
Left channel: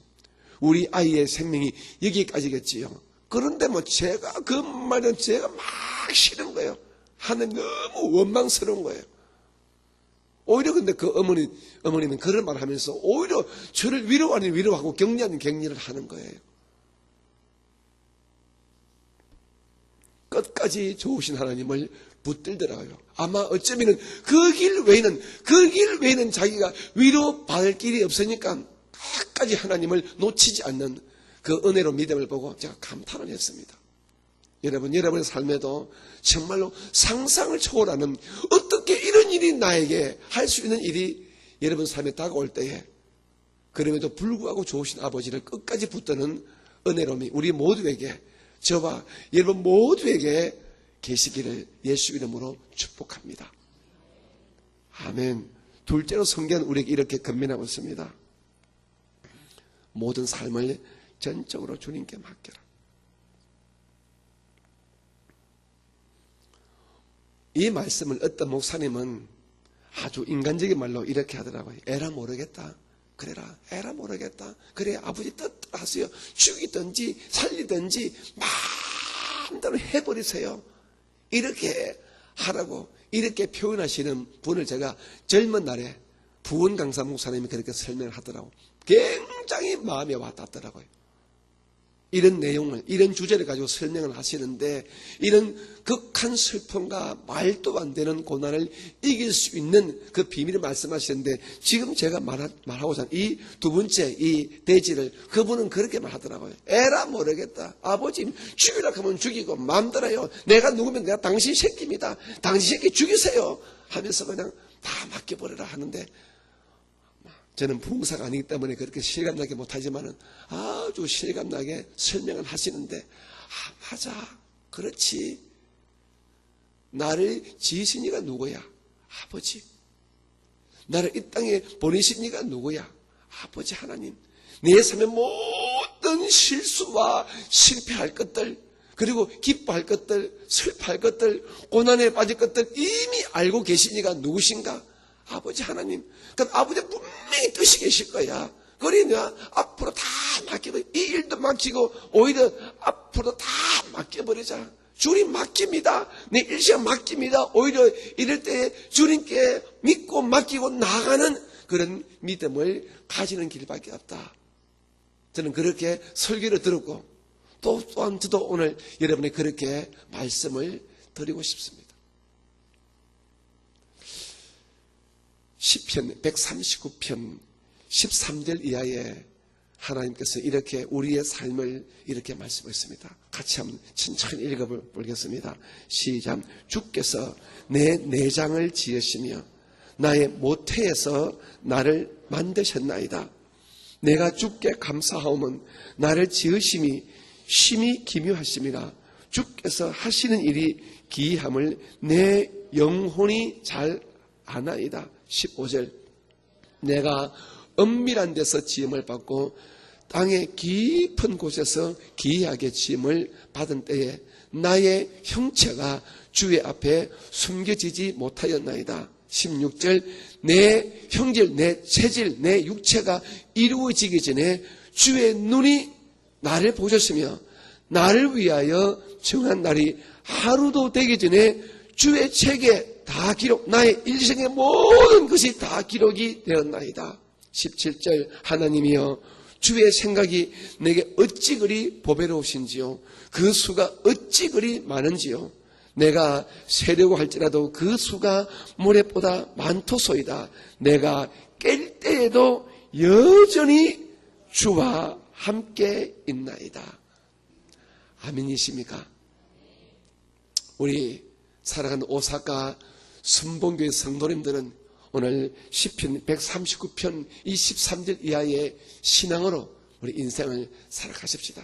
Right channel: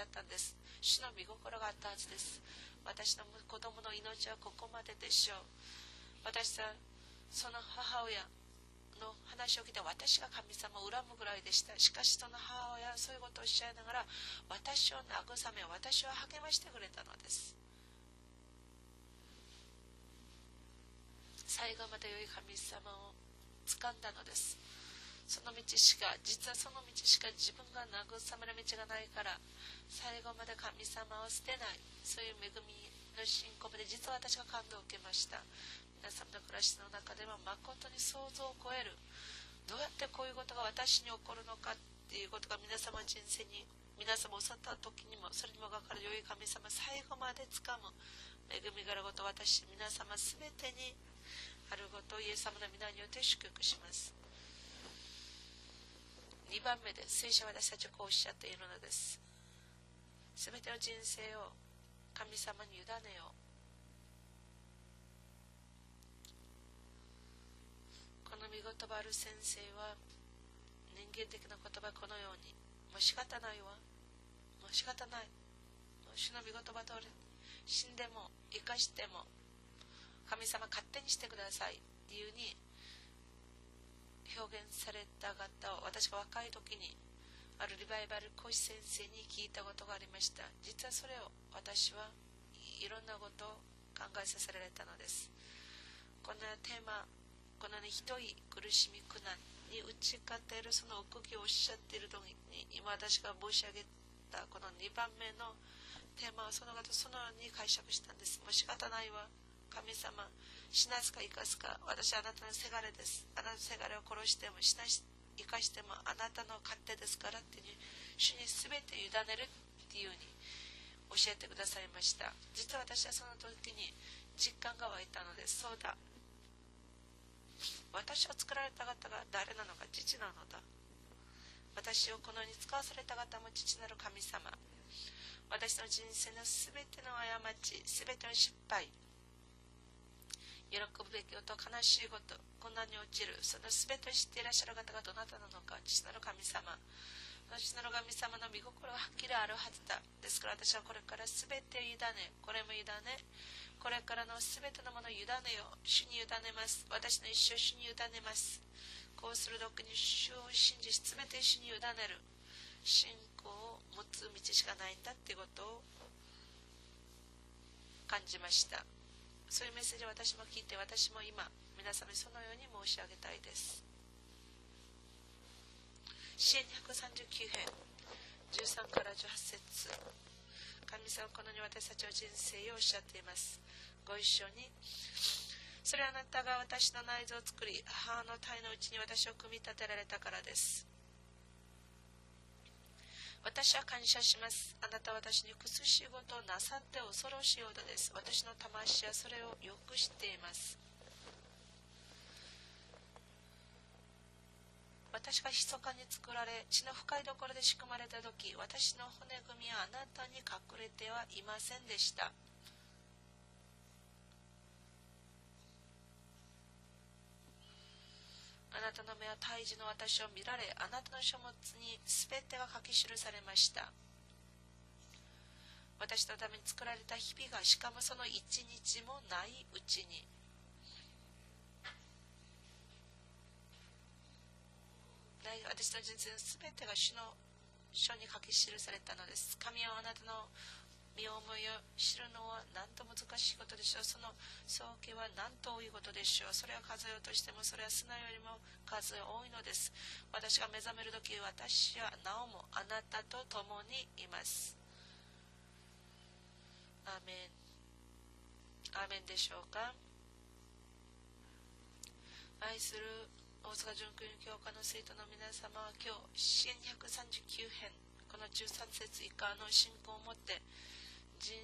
우리 아이의 생명이 여기까지겠지요. 그런데 뭐 제가 그 말은 제가 막 싫은 거예요. 하나님 너무 원망스러운 거예요. 오히려 근데 그 어머니는 그런 말 하면서 오히려 저를 위로하고 격려하는 격려를 하는 거예요. 끝까지 좋으신 하나님을 붙들더라고요. 아마 어쩌면 그 길 외에는 자기가 위로받을 길이 없으니까 끝까지 하나님을 놓치지 않는 그 은혜로 믿음을 보고 제가 감탄을 했습니다. 여러분의 삶에도 정말로 상상을 초월하는 어떻게 이런 일이 나에게 할 수 있는 일이 여러분 삶에 다가올 때에 그럼에도 불구하고 좋으신 아버지를 끝까지 붙드는 은혜로움이 우리 모두에게 저와 여러분 모두에게 계시기를 예수 이름으로 축복합니다. 아멘. 둘째로 성경은 우리에게 이렇게 권면하고 있습니다. 모든 삶을 전적으로 주님께 맡기라. 이 말씀을 어떤 목사님은 아주 인간적인 말로 이렇게 하더라고요. 에라 모르겠다. 그래라. 에라 모르겠다. 그래 아버지 뜻대로 하세요. 죽이든지 살리든지 마음대로 해버리세요. 이렇게 하라고 이렇게 표현하시는 분을 제가 젊은 날에 부원 강사 목사님이 그렇게 설명을 하더라고요. 굉장히 마음에 와닿더라고요. 이런 내용을, 이런 주제를 가지고 설명을 하시는데, 이런 극한 슬픔과 말도 안 되는 고난을 이길 수 있는 그 비밀을 말씀하시는데, 지금 제가 말하고자 하는 이 두 번째 이 대지를 그분은 그렇게 말하더라고요. 에라 모르겠다. 아버지 죽이라 하면 죽이고 마음대로요. 내가 누구면 내가 당신 새끼입니다. 당신 새끼 죽이세요 하면서 그냥 다 맡겨버리라 하는데, 저는 부흥사가 아니기 때문에 그렇게 실감나게 못하지만 아주 실감나게 설명을 하시는데, 맞아, 그렇지. 나를 지으신 이가 누구야? 아버지. 나를 이 땅에 보내신 이가 누구야? 아버지 하나님. 내 삶의 모든 실수와 실패할 것들, 그리고 기뻐할 것들, 슬퍼할 것들, 고난에 빠질 것들 이미 알고 계신 이가 누구신가? 아버지 하나님. 그럼 아버지 분명히 뜻이 계실 거야. 그러냐 앞으로 다 맡기고, 이 일도 맡기고 오히려 앞으로 다 맡겨버리자. 주님 맡깁니다. 내 일시간 맡깁니다. 오히려 이럴 때 주님께 믿고 맡기고 나가는 그런 믿음을 가지는 길밖에 없다. 저는 그렇게 설교를 들었고, 또한 저도 오늘 여러분이 그렇게 말씀을 드리고 싶습니다. 시편 139편 13절 이하에 하나님께서 이렇게 우리의 삶을 이렇게 말씀했습니다. 같이 한번 천천히 읽어보겠습니다. 시작. 주께서 내 내장을 지으시며 나의 모태에서 나를 만드셨나이다. 내가 주께 감사하오면 나를 지으심이 심히 기묘하십니다. 주께서 하시는 일이 기이함을 내 영혼이 잘 아나이다. 15절. 내가 은밀한 데서 지음을 받고 땅의 깊은 곳에서 기이하게 지음을 받은 때에 나의 형체가 주의 앞에 숨겨지지 못하였나이다. 16절. 내 형질, 내 체질, 내 육체가 이루어지기 전에 주의 눈이 나를 보셨으며 나를 위하여 정한 날이 하루도 되기 전에 주의 책에 다 기록, 나의 일생의 모든 것이 다 기록이 되었나이다. 17절. 하나님이여 주의 생각이 내게 어찌 그리 보배로우신지요, 그 수가 어찌 그리 많은지요. 내가 세려고 할지라도 그 수가 모래보다 많도소이다. 내가 깰 때에도 여전히 주와 함께 있나이다. 아멘이십니까? 우리 살아가는 오사카 순봉교회 성도님들은 오늘 시편 139편 23절 이하의 신앙으로 우리 인생을 살아가십시다.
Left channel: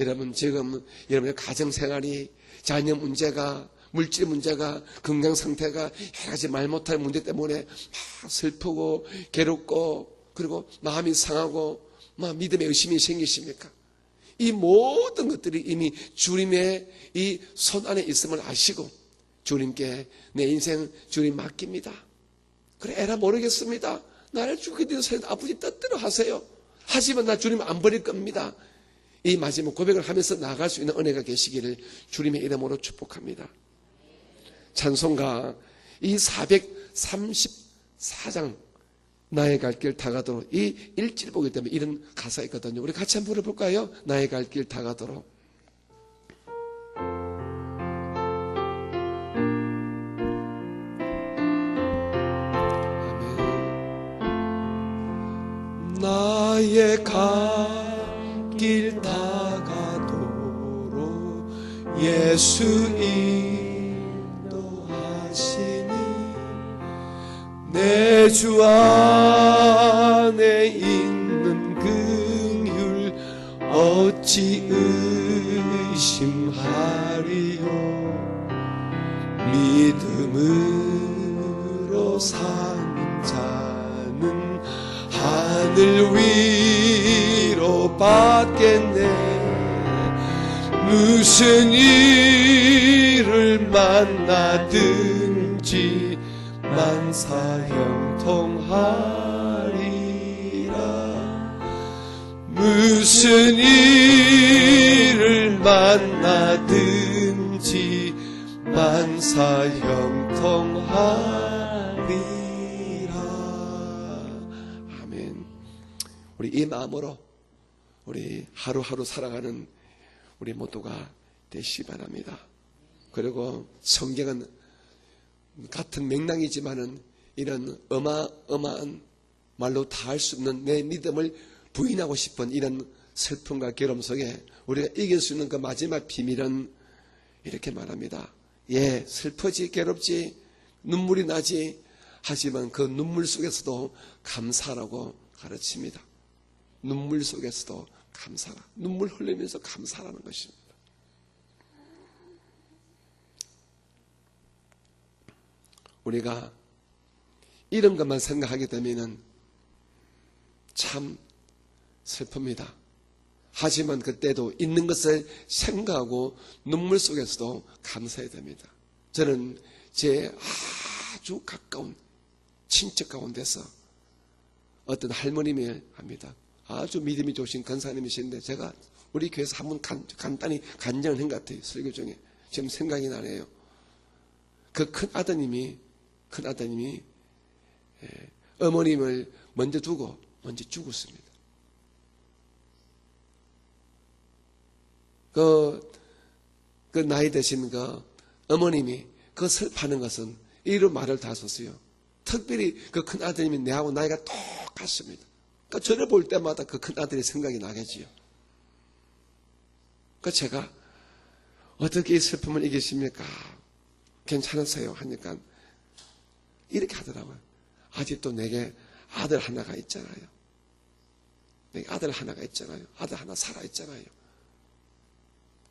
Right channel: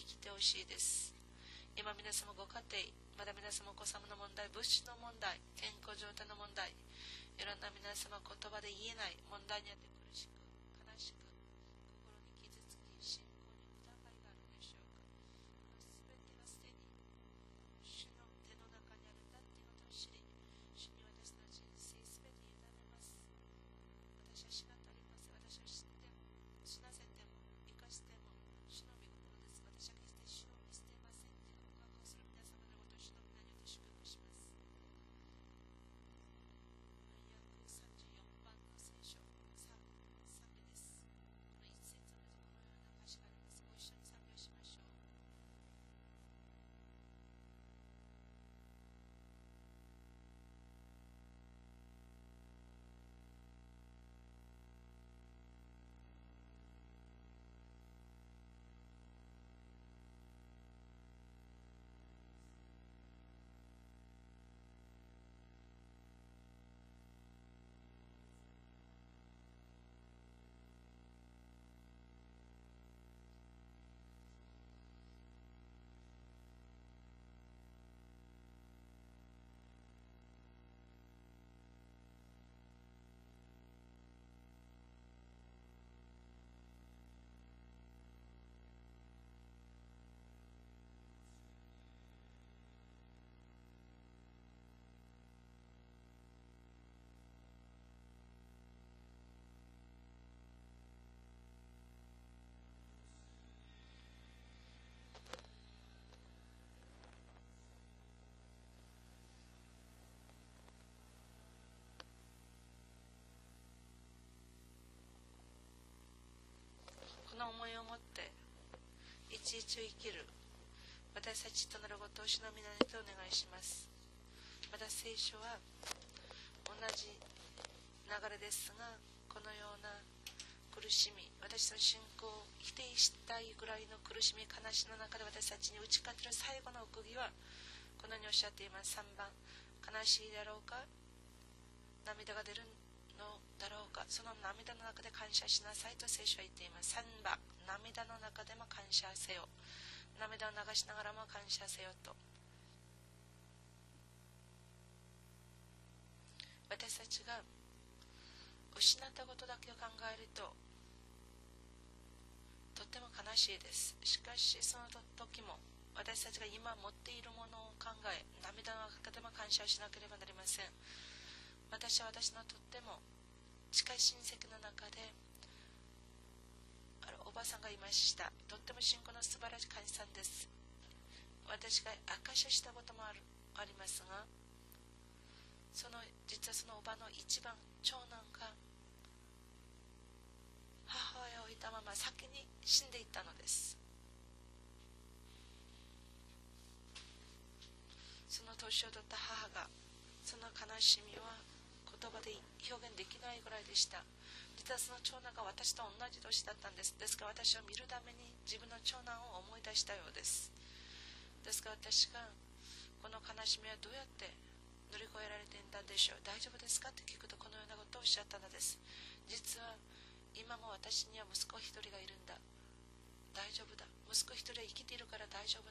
여러분, 지금 여러분의 가정생활이, 자녀 문제가, 물질 문제가, 건강 상태가 여러 가지 말 못할 문제 때문에 막 슬프고 괴롭고, 그리고 마음이 상하고 막 믿음의 의심이 생기십니까? 이 모든 것들이 이미 주님의 이 손 안에 있음을 아시고 주님께 내 인생 주님 맡깁니다. 그래, 에라 모르겠습니다. 나를 죽게 된 사람 아버지 뜻대로 하세요. 하지만 나 주님 안 버릴 겁니다. 이 마지막 고백을 하면서 나아갈 수 있는 은혜가 계시기를 주님의 이름으로 축복합니다. 찬송가 이 434장 나의 갈 길 다가도록, 이 1절 보기 때문에 이런 가사가 있거든요. 우리 같이 한번 불러볼까요? 나의 갈 길 다가도록. 나의 갈 길 다가도록 예수 인도하시니 내 주 안에 있는 긍휼 어찌 의심하리요. 믿음으로 사는 자는 하늘 위로 받겠네. 무슨 일을 만나든지 만사형통하리라. 무슨 일을 만나든지 만사형통하리라. 아멘. 우리 이 마음으로 우리 하루하루 살아가는 우리 모두가 되시기 바랍니다. 그리고 성경은 같은 맥락이지만은 이런 어마어마한 말로 다 할 수 없는 내 믿음을 부인하고 싶은 이런 슬픔과 괴로움 속에 우리가 이길 수 있는 그 마지막 비밀은 이렇게 말합니다. 예, 슬프지, 괴롭지, 눈물이 나지, 하지만 그 눈물 속에서도 감사라고 가르칩니다. 눈물 속에서도 감사, 눈물 흘리면서 감사라는 것입니다. 우리가 이런 것만 생각하게 되면은 참 슬픕니다. 하지만 그때도 있는 것을 생각하고 눈물 속에서도 감사해야 됩니다. 저는 제 아주 가까운 친척 가운데서 어떤 할머님이 합니다. 아주 믿음이 좋으신 권사님이신데 제가 우리 교회에서 한번 간단히 간증을 한 것 같아요. 설교 중에 지금 생각이 나네요. 그 큰 아드님이 어머님을 먼저 두고 먼저 죽었습니다. 그 나이 드신 그 어머님이 그 슬퍼하는 것은 이런 말을 다 썼어요. 특별히 그 큰 아드님이 내하고 나이가 똑같습니다. 그러니까 저를 볼 때마다 그 큰 아들이 생각이 나겠지요. 그 제가 어떻게 이 슬픔을 이기십니까? 괜찮으세요? 하니까 이렇게 하더라고요. 아직도 내게 아들 하나가 있잖아요. 내게 아들 하나가 있잖아요. 아들 하나 살아있잖아요.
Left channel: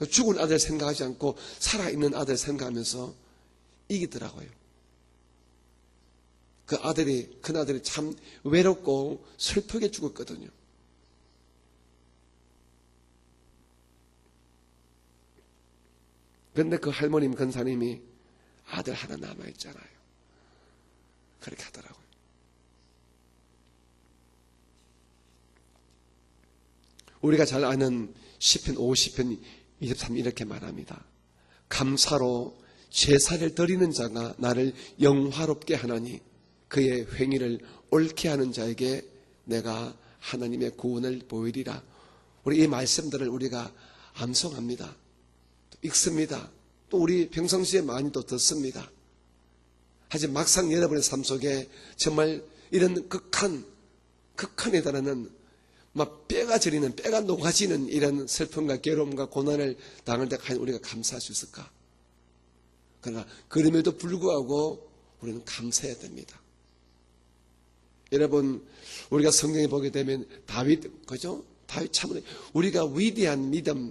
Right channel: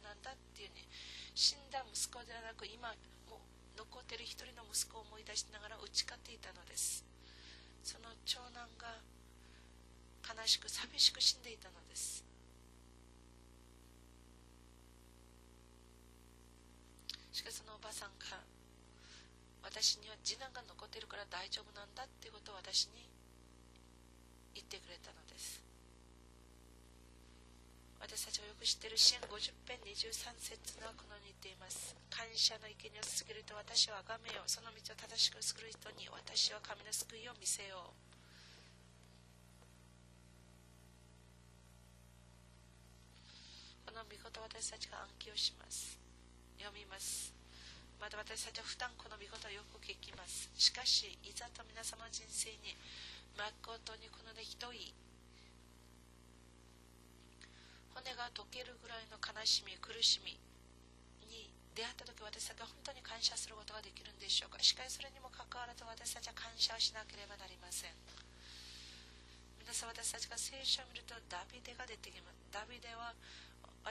죽은 아들 생각하지 않고 살아있는 아들 생각하면서 이기더라고요. 그 아들이, 큰 아들이 참 외롭고 슬프게 죽었거든요. 그런데 그 할머님, 권사님이 아들 하나 남아있잖아요. 그렇게 하더라고요. 우리가 잘 아는 시편 50편 23 이렇게 말합니다. 감사로 제사를 드리는 자가 나를 영화롭게 하나니 그의 행위를 옳게 하는 자에게 내가 하나님의 구원을 보이리라. 우리 이 말씀들을 우리가 암송합니다. 읽습니다. 또 우리 평상시에 많이 또 듣습니다. 하지만 막상 여러분의 삶 속에 정말 이런 극한에 달하는 막 뼈가 저리는, 뼈가 녹아지는 이런 슬픔과 괴로움과 고난을 당할 때 우리가 감사할 수 있을까? 그러나 그럼에도 불구하고 우리는 감사해야 됩니다. 여러분, 우리가 성경에 보게 되면 다윗, 그죠? 다윗 참으로 우리가 위대한 믿음,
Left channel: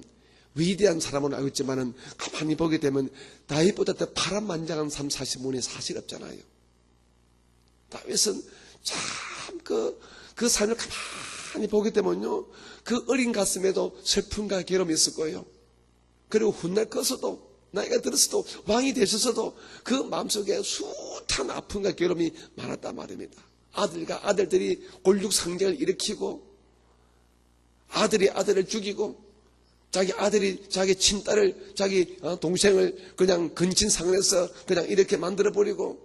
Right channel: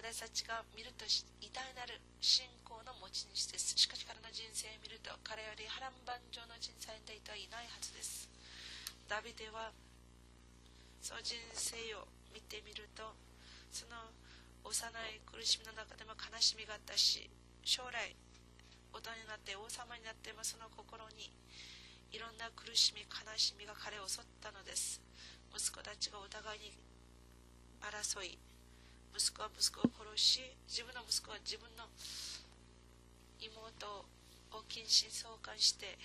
위대한 사람으로 알고 있지만은 가만히 보게 되면 다윗보다 더 파란만장한 삶 사실 분이 사실 없잖아요. 다윗은 참 그 삶을 가만히 보게 되면요, 그 어린 가슴에도 슬픔과 괴로움이 있을 거예요. 그리고 훗날 커서도 나이가 들었어도 왕이 되셔서도 그 마음속에 숱한 아픔과 괴로움이 많았단 말입니다. 아들들이 골육상쟁을 일으키고 아들이 아들을 죽이고 자기 아들이 자기 친딸을 자기 동생을 그냥 근친상을해서 그냥 이렇게 만들어버리고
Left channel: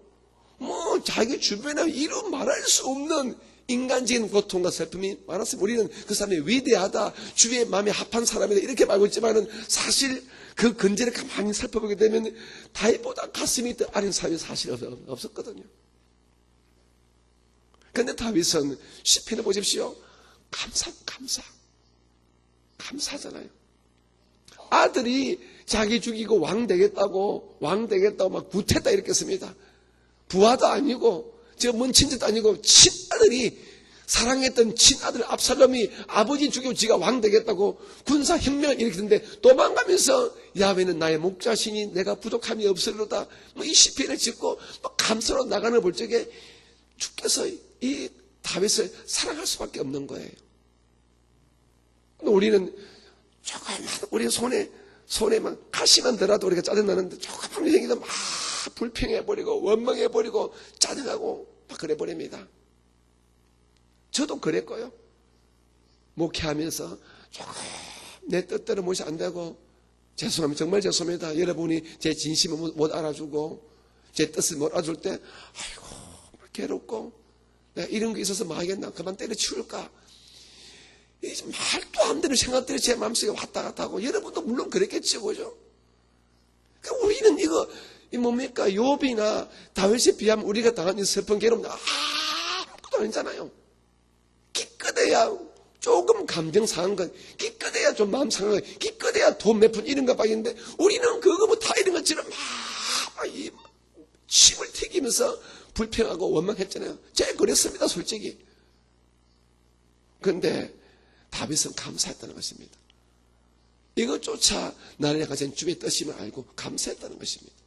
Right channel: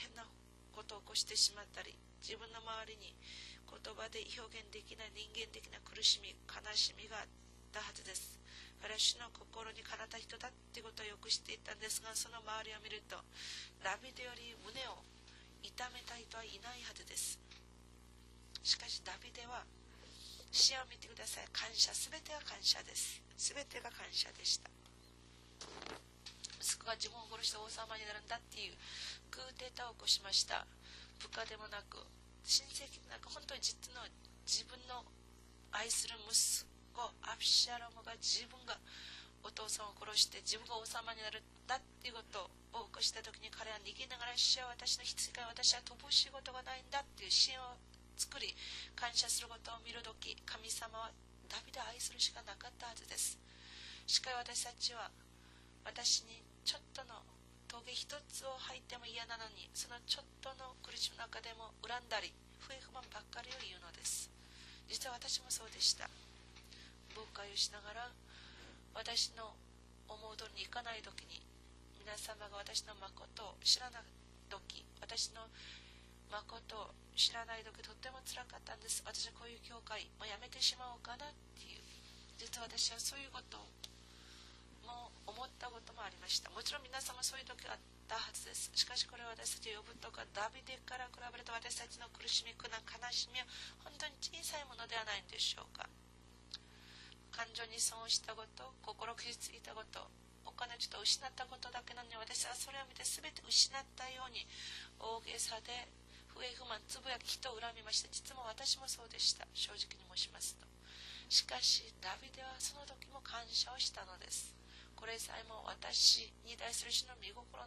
뭐 자기 주변에 이루 말할 수 없는 인간적인 고통과 슬픔이 많았으면 우리는 그 사람이 위대하다, 주의 마음에 합한 사람이다 이렇게 말하고 있지만은 사실 그 근제를 가만히 살펴보게 되면 다윗보다 가슴이 더 아린 사람이 사실 없었거든요. 그런데 다윗은 시편을 보십시오. 감사잖아요. 아들이 자기 죽이고 왕 되겠다고 막 부태다 이렇게 씁니다. 부하도 아니고 저 먼 친지도 아니고 친아들이 사랑했던 친아들 압살롬이 아버지 죽이고 지가 왕 되겠다고 군사혁명을 일으키는데 도망가면서 야훼는 나의 목자시니 내가 부족함이 없으리로다 이 시편을 짓고 감사로 나가는 볼 적에 주께서 이 다윗을 사랑할 수밖에 없는 거예요. 우리는 조금만 우리 손에만 가시만 들어도 우리가 짜증나는데 조금만 생기면 막 불평해버리고 원망해버리고 짜증나고 막 그래버립니다. 저도 그랬고요. 목회하면서 조금 내 뜻대로 무엇이 안 되고 죄송합니다. 정말 죄송합니다. 여러분이 제 진심을 못 알아주고 제 뜻을 못 알아줄 때 아이고 괴롭고 내가 이런 게 있어서 뭐 하겠나 그만 때려치울까 말도 안 마음대로 생각들이 제 마음속에 왔다 갔다 하고 여러분도 물론 그랬겠죠, 그죠? 그러니까 우리는 이거 이 뭡니까? 욥이나 다윗에 비하면 우리가 당한 이 슬픈 괴로움 아무것도 아니잖아요. 기껏해야 조금 감정 상한 건, 기껏해야 좀 마음 상한 건, 기껏해야 돈 몇 푼 이런 것밖인데 우리는 그거 뭐 다 이런 것처럼 막 이 침을 튀기면서 불평하고 원망했잖아요. 제가 그랬습니다, 솔직히. 그런데 다윗은 감사했다는 것입니다. 이것조차 나를 가진 주의 뜻임을 알고 감사했다는 것입니다.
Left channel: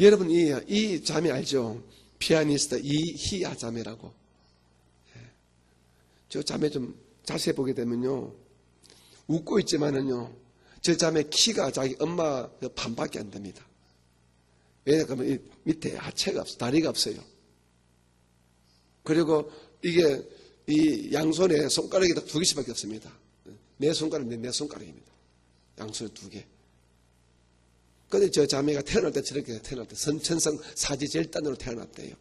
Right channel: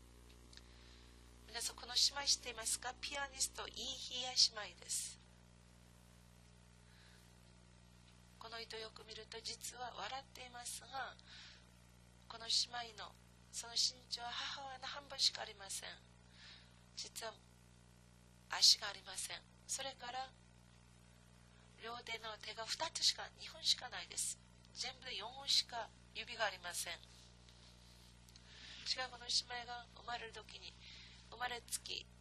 여러분 이 자매 알죠? 피아니스트 이희야 자매라고. 저 자매 좀 자세히 보게 되면요, 웃고 있지만은요, 저 자매 키가 자기 엄마 저 반밖에 안 됩니다. 왜냐하면 이 밑에 하체가 없어, 다리가 없어요. 그리고 이게 이 양손에 손가락이 다 2개씩밖에 없습니다. 내 손가락인데 내 손가락입니다. 양손에 2개. 근데 저 자매가 태어날 때 저렇게 태어날 때 선천성 사지절단으로 태어났대요.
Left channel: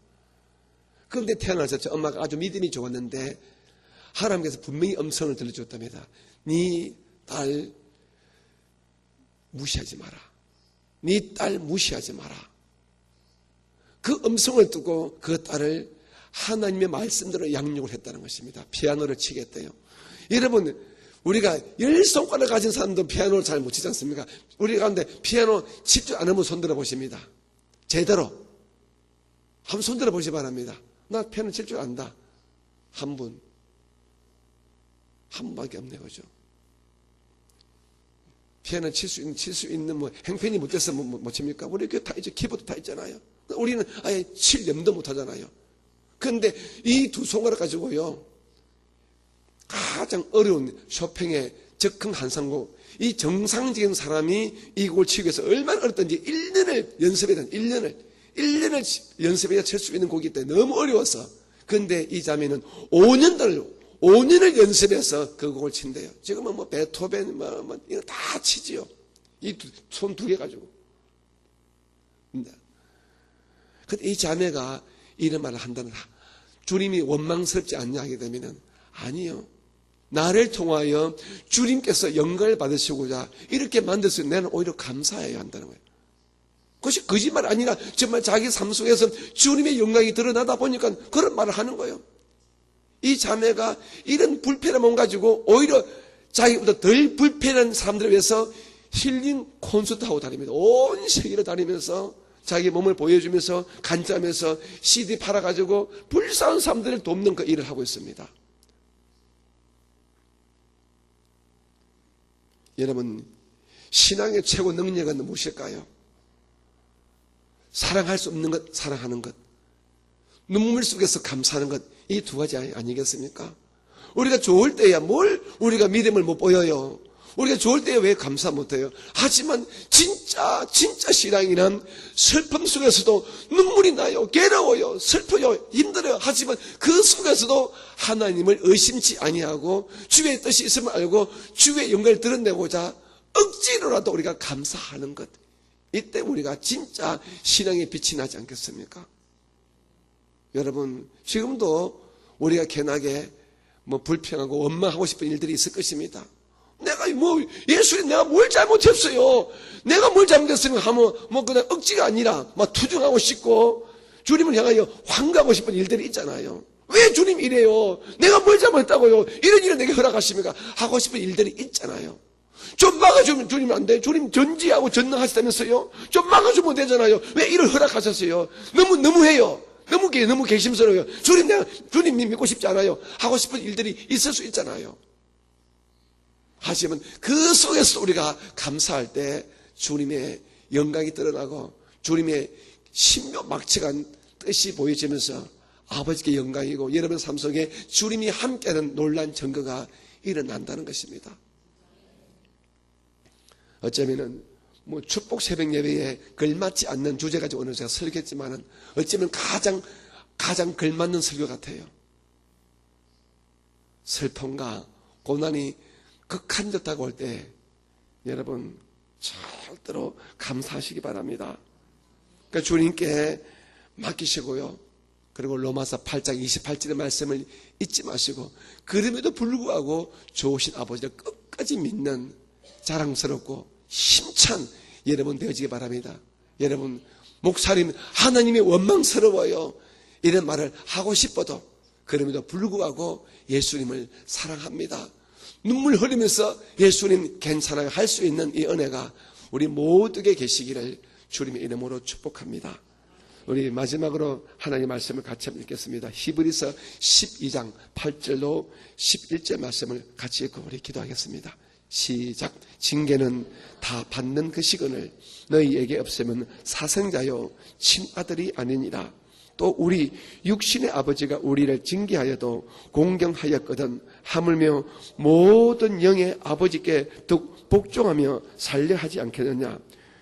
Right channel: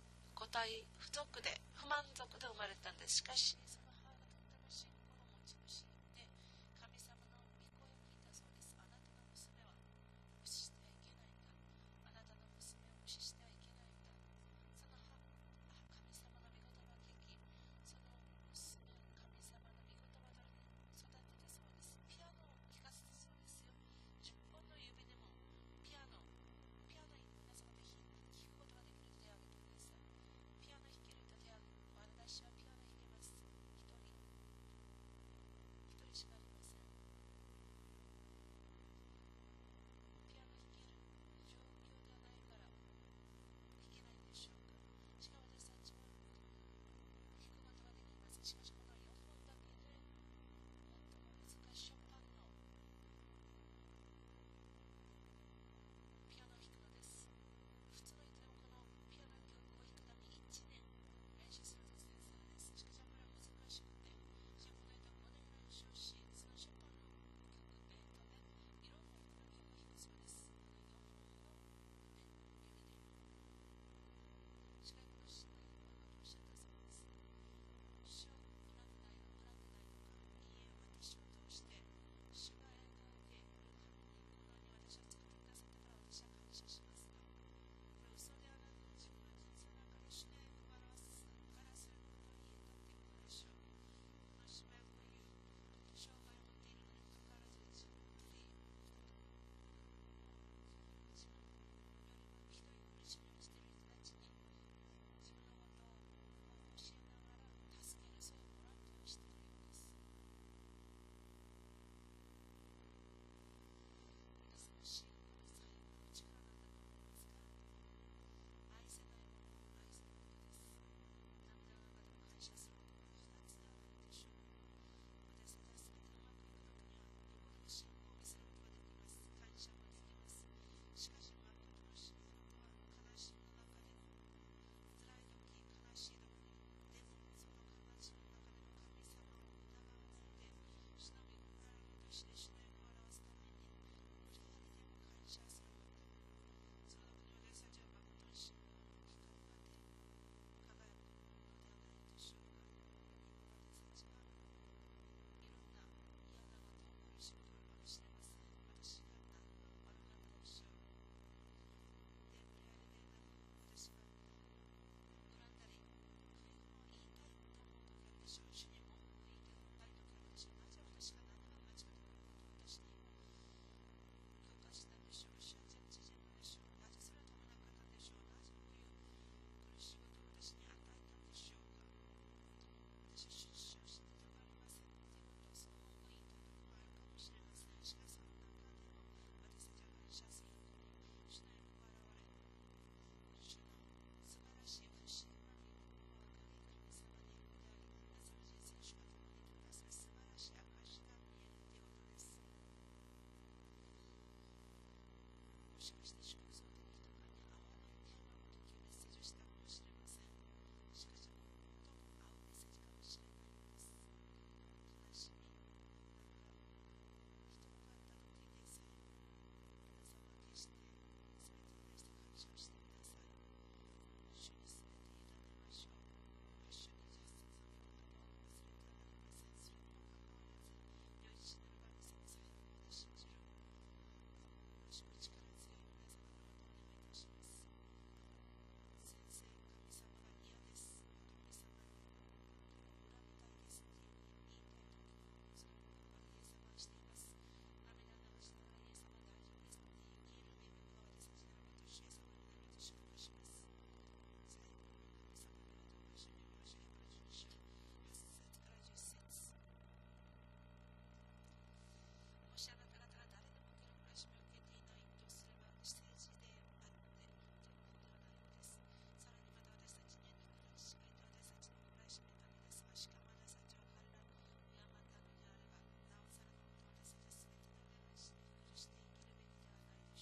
그런데 태어나서 저 엄마가 아주 믿음이 좋았는데 하나님께서 분명히 음성을 들려줬답니다. 네 딸 무시하지 마라. 네 딸 무시하지 마라. 그 음성을 듣고 그 딸을 하나님의 말씀대로 양육을 했다는 것입니다. 피아노를 치겠대요. 여러분, 우리가 10손가락 가진 사람도 피아노를 잘 못 치지 않습니까? 우리 가운데 피아노 칠 줄 아는 분 손들어 보십니다. 제대로 한번 손들어 보시 바랍니다. 나 피아노 칠 줄 안다. 한 분밖에 없네, 그죠? 피아노 칠 수 있는 뭐 행편이 못돼서 못 칩니까? 우리 그 다 이제 키보드 다 있잖아요. 우리는 아예 칠 염도 못 하잖아요. 그런데 이 2손가락 가지고요, 가장 어려운 쇼팽의 적흥 한상곡, 이 정상적인 사람이 이 곡을 치기 위해서 얼마나 어렵던지 1년을 연습해야 돼. 1년을 연습해야 칠 수 있는 곡이기 때문에 너무 어려워서. 그런데 이 자매는 5년을 연습해서 그 곡을 친대요. 지금은 뭐 베토벤 이거 다 치지요. 이 손 2개 가지고. 근데 이 자매가 이런 말을 한다는, 주님이 원망스럽지 않냐 하게 되면은 아니요. 나를 통하여 주님께서 영광을 받으시고자 이렇게 만들어서 나는 오히려 감사해야 한다는 거예요. 그것이 거짓말 아니라 정말 자기 삶 속에서 주님의 영광이 드러나다 보니까 그런 말을 하는 거예요. 이 자매가 이런 불편한 몸 가지고 오히려 자기보다 덜 불편한 사람들을 위해서 힐링 콘서트 하고 다닙니다. 온 세계를 다니면서 자기 몸을 보여주면서 간증하면서 CD 팔아가지고 불쌍한 사람들을 돕는 그 일을 하고 있습니다. 여러분, 신앙의 최고 능력은 무엇일까요? 사랑할 수 없는 것, 사랑하는 것. 눈물 속에서 감사하는 것. 이 2가지 아니겠습니까? 우리가 좋을 때야 뭘 우리가 믿음을 못 보여요. 우리가 좋을 때에 왜 감사 못해요? 하지만 진짜 신앙이란 슬픔 속에서도 눈물이 나요. 괴로워요. 슬퍼요. 힘들어요. 하지만 그 속에서도 하나님을 의심치 아니하고 주의 뜻이 있음을 알고 주의 영광을 드러내고자 억지로라도 우리가 감사하는 것. 이때 우리가 진짜 신앙의 빛이 나지 않겠습니까? 여러분, 지금도 우리가 괜하게 뭐 불평하고 원망하고 싶은 일들이 있을 것입니다. 내가 뭐 예수님 내가 뭘 잘못했어요? 내가 뭘 잘못했으면 하면 뭐 그냥 억지가 아니라 막 투정하고 싶고 주님을 향하여 환가하고 싶은 일들이 있잖아요. 왜 주님 이래요? 내가 뭘 잘못했다고요? 이런 일을 내게 허락하십니까? 하고 싶은 일들이 있잖아요. 좀 막아주면 주님 안 돼? 주님 전지하고 전능하시다면서요? 좀 막아주면 되잖아요. 왜 이를 허락하셨어요? 너무해요. 너무 개심스러워요. 주님 믿고 싶지 않아요. 하고 싶은 일들이 있을 수 있잖아요. 하지만 그 속에서 우리가 감사할 때 주님의 영광이 드러나고 주님의 신묘막측한 뜻이 보여지면서 아버지께 영광이고 여러분 삶 속에 주님이 함께하는 놀라운 증거가 일어난다는 것입니다. 어쩌면은 뭐 축복 새벽 예배에 걸맞지 않는 주제 가지고 오늘 제가 설교했지만은 어쩌면 가장 걸맞는 설교 같아요. 슬픔과 고난이 극한 듯하고 올 때 여러분 절대로 감사하시기 바랍니다. 그러니까 주님께 맡기시고요. 그리고 로마서 8장 28절의 말씀을 잊지 마시고 그럼에도 불구하고 좋으신 아버지를 끝까지 믿는 자랑스럽고 힘찬 여러분 되어지기 바랍니다. 여러분 목사님 하나님이 원망스러워요 이런 말을 하고 싶어도 그럼에도 불구하고 예수님을 사랑합니다. 눈물 흘리면서 예수님 괜찮아요 할 수 있는 이 은혜가 우리 모두에게 계시기를 주님의 이름으로 축복합니다. 우리 마지막으로 하나님의 말씀을 같이 읽겠습니다. 히브리서 12장 8절로 11절 말씀을 같이 읽고 우리 기도하겠습니다. 시작. 징계는 다 받는 그 시간을 너희에게 없으면 사생자요 친아들이 아니니라. 또 우리 육신의 아버지가 우리를 징계하여도 공경하였거든 하물며 모든 영의 아버지께 더 복종하며 살려 하지 않겠느냐.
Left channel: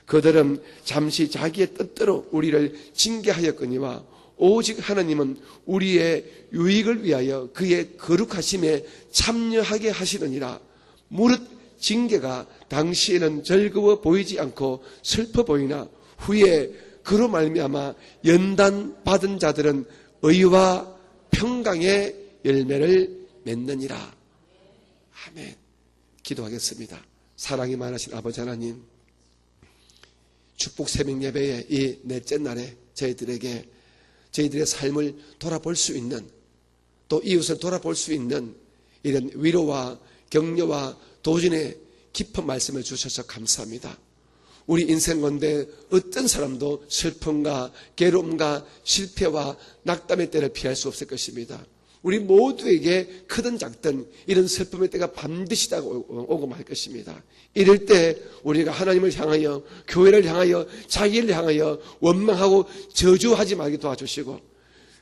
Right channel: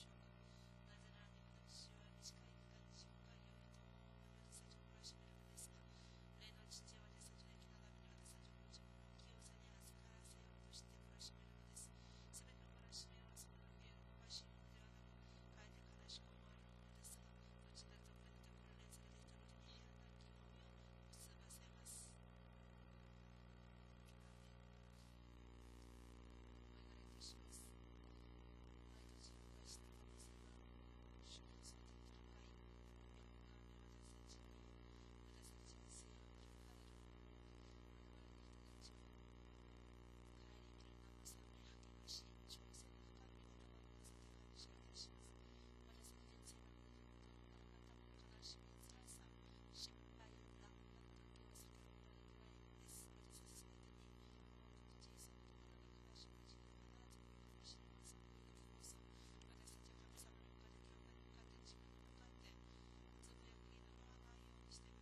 그들은 잠시 자기의 뜻대로 우리를 징계하였거니와 오직 하나님은 우리의 유익을 위하여 그의 거룩하심에 참여하게 하시느니라. 무릇 징계가 당시에는 즐거워 보이지 않고 슬퍼 보이나 후에 그로 말미암아 연단 받은 자들은 의와 평강의 열매를 맺느니라. 아멘. 기도하겠습니다. 사랑이 많으신 아버지 하나님, 축복 새벽 예배의 이 넷째 날에 저희들에게 저희들의 삶을 돌아볼 수 있는 또 이웃을 돌아볼 수 있는 이런 위로와 격려와 도전의 깊은 말씀을 주셔서 감사합니다. 우리 인생 가운데 어떤 사람도 슬픔과 괴로움과 실패와 낙담의 때를 피할 수 없을 것입니다. 우리 모두에게 크든 작든 이런 슬픔의 때가 반드시 오고 말 것입니다. 이럴 때 우리가 하나님을 향하여 교회를 향하여 자기를 향하여 원망하고 저주하지 말게 도와주시고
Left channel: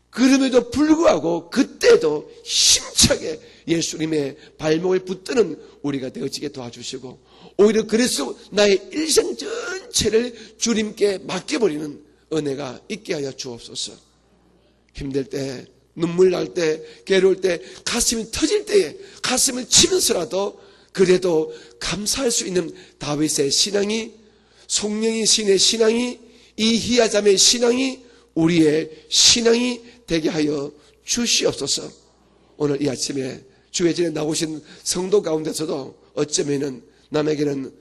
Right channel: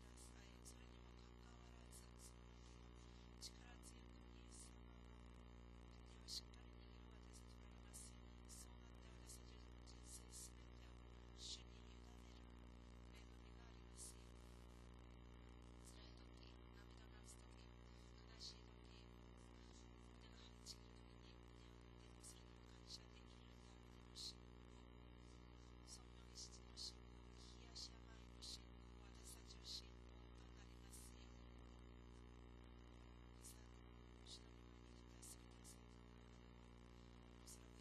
그럼에도 불구하고 그때도 힘차게 예수님의 발목을 붙드는 우리가 되어지게 도와주시고 오히려 그래서 나의 일생 전체를 주님께 맡겨버리는 은혜가 있게 하여 주옵소서. 힘들 때 눈물 날 때 괴로울 때 가슴이 터질 때에 가슴을 치면서라도 그래도 감사할 수 있는 다윗의 신앙이 송영이 신의 신앙이 이히야 자매의 신앙이 우리의 신앙이 되게 하여 주시옵소서. 오늘 이 아침에 주회전에 나오신 성도 가운데서도 어쩌면은 남에게는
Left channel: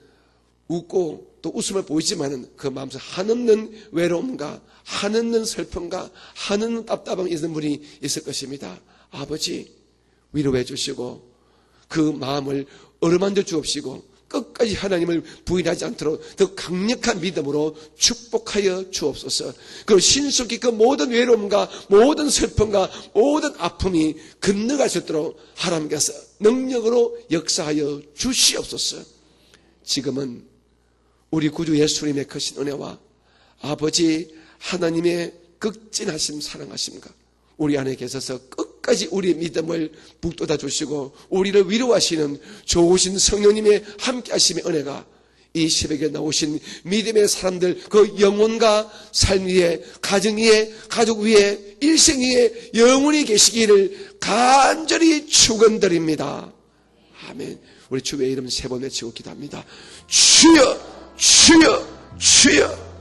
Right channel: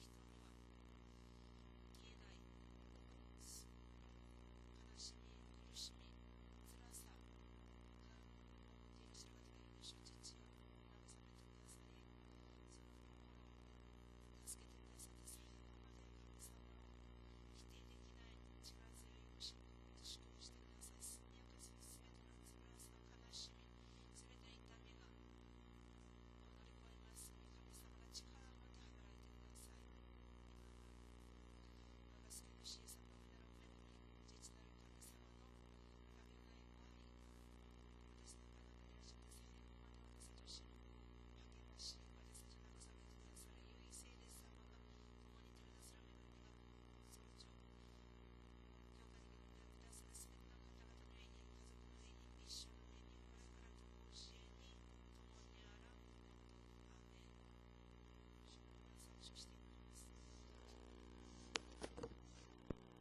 웃고 또 웃음을 보이지만은 그 마음속 한없는 외로움과 한없는 슬픔과 한없는 답답함이 있는 분이 있을 것입니다. 아버지 위로해 주시고 그 마음을 어루만져 주옵시고 끝까지 하나님을 부인하지 않도록 더 강력한 믿음으로 축복하여 주옵소서. 그리고 신속히 그 모든 외로움과 모든 슬픔과 모든 아픔이 건너갈 수 있도록 하나님께서 능력으로 역사하여 주시옵소서. 지금은 우리 구주 예수님의 크신 은혜와 아버지 하나님의 극진하심 사랑하심과 우리 안에 계셔서 끝까지 우리의 믿음을 북돋아 주시고 우리를 위로하시는 좋으신 성령님의 함께하심의 은혜가 이 새벽에 나오신 믿음의 사람들 그 영혼과 삶 위에 가정 위에 가족 위에 일생 위에 영원히 계시기를 간절히 축원드립니다. 아멘. 우리 주의 이름 세 번 외치고 기도합니다. 주여 주여 주여.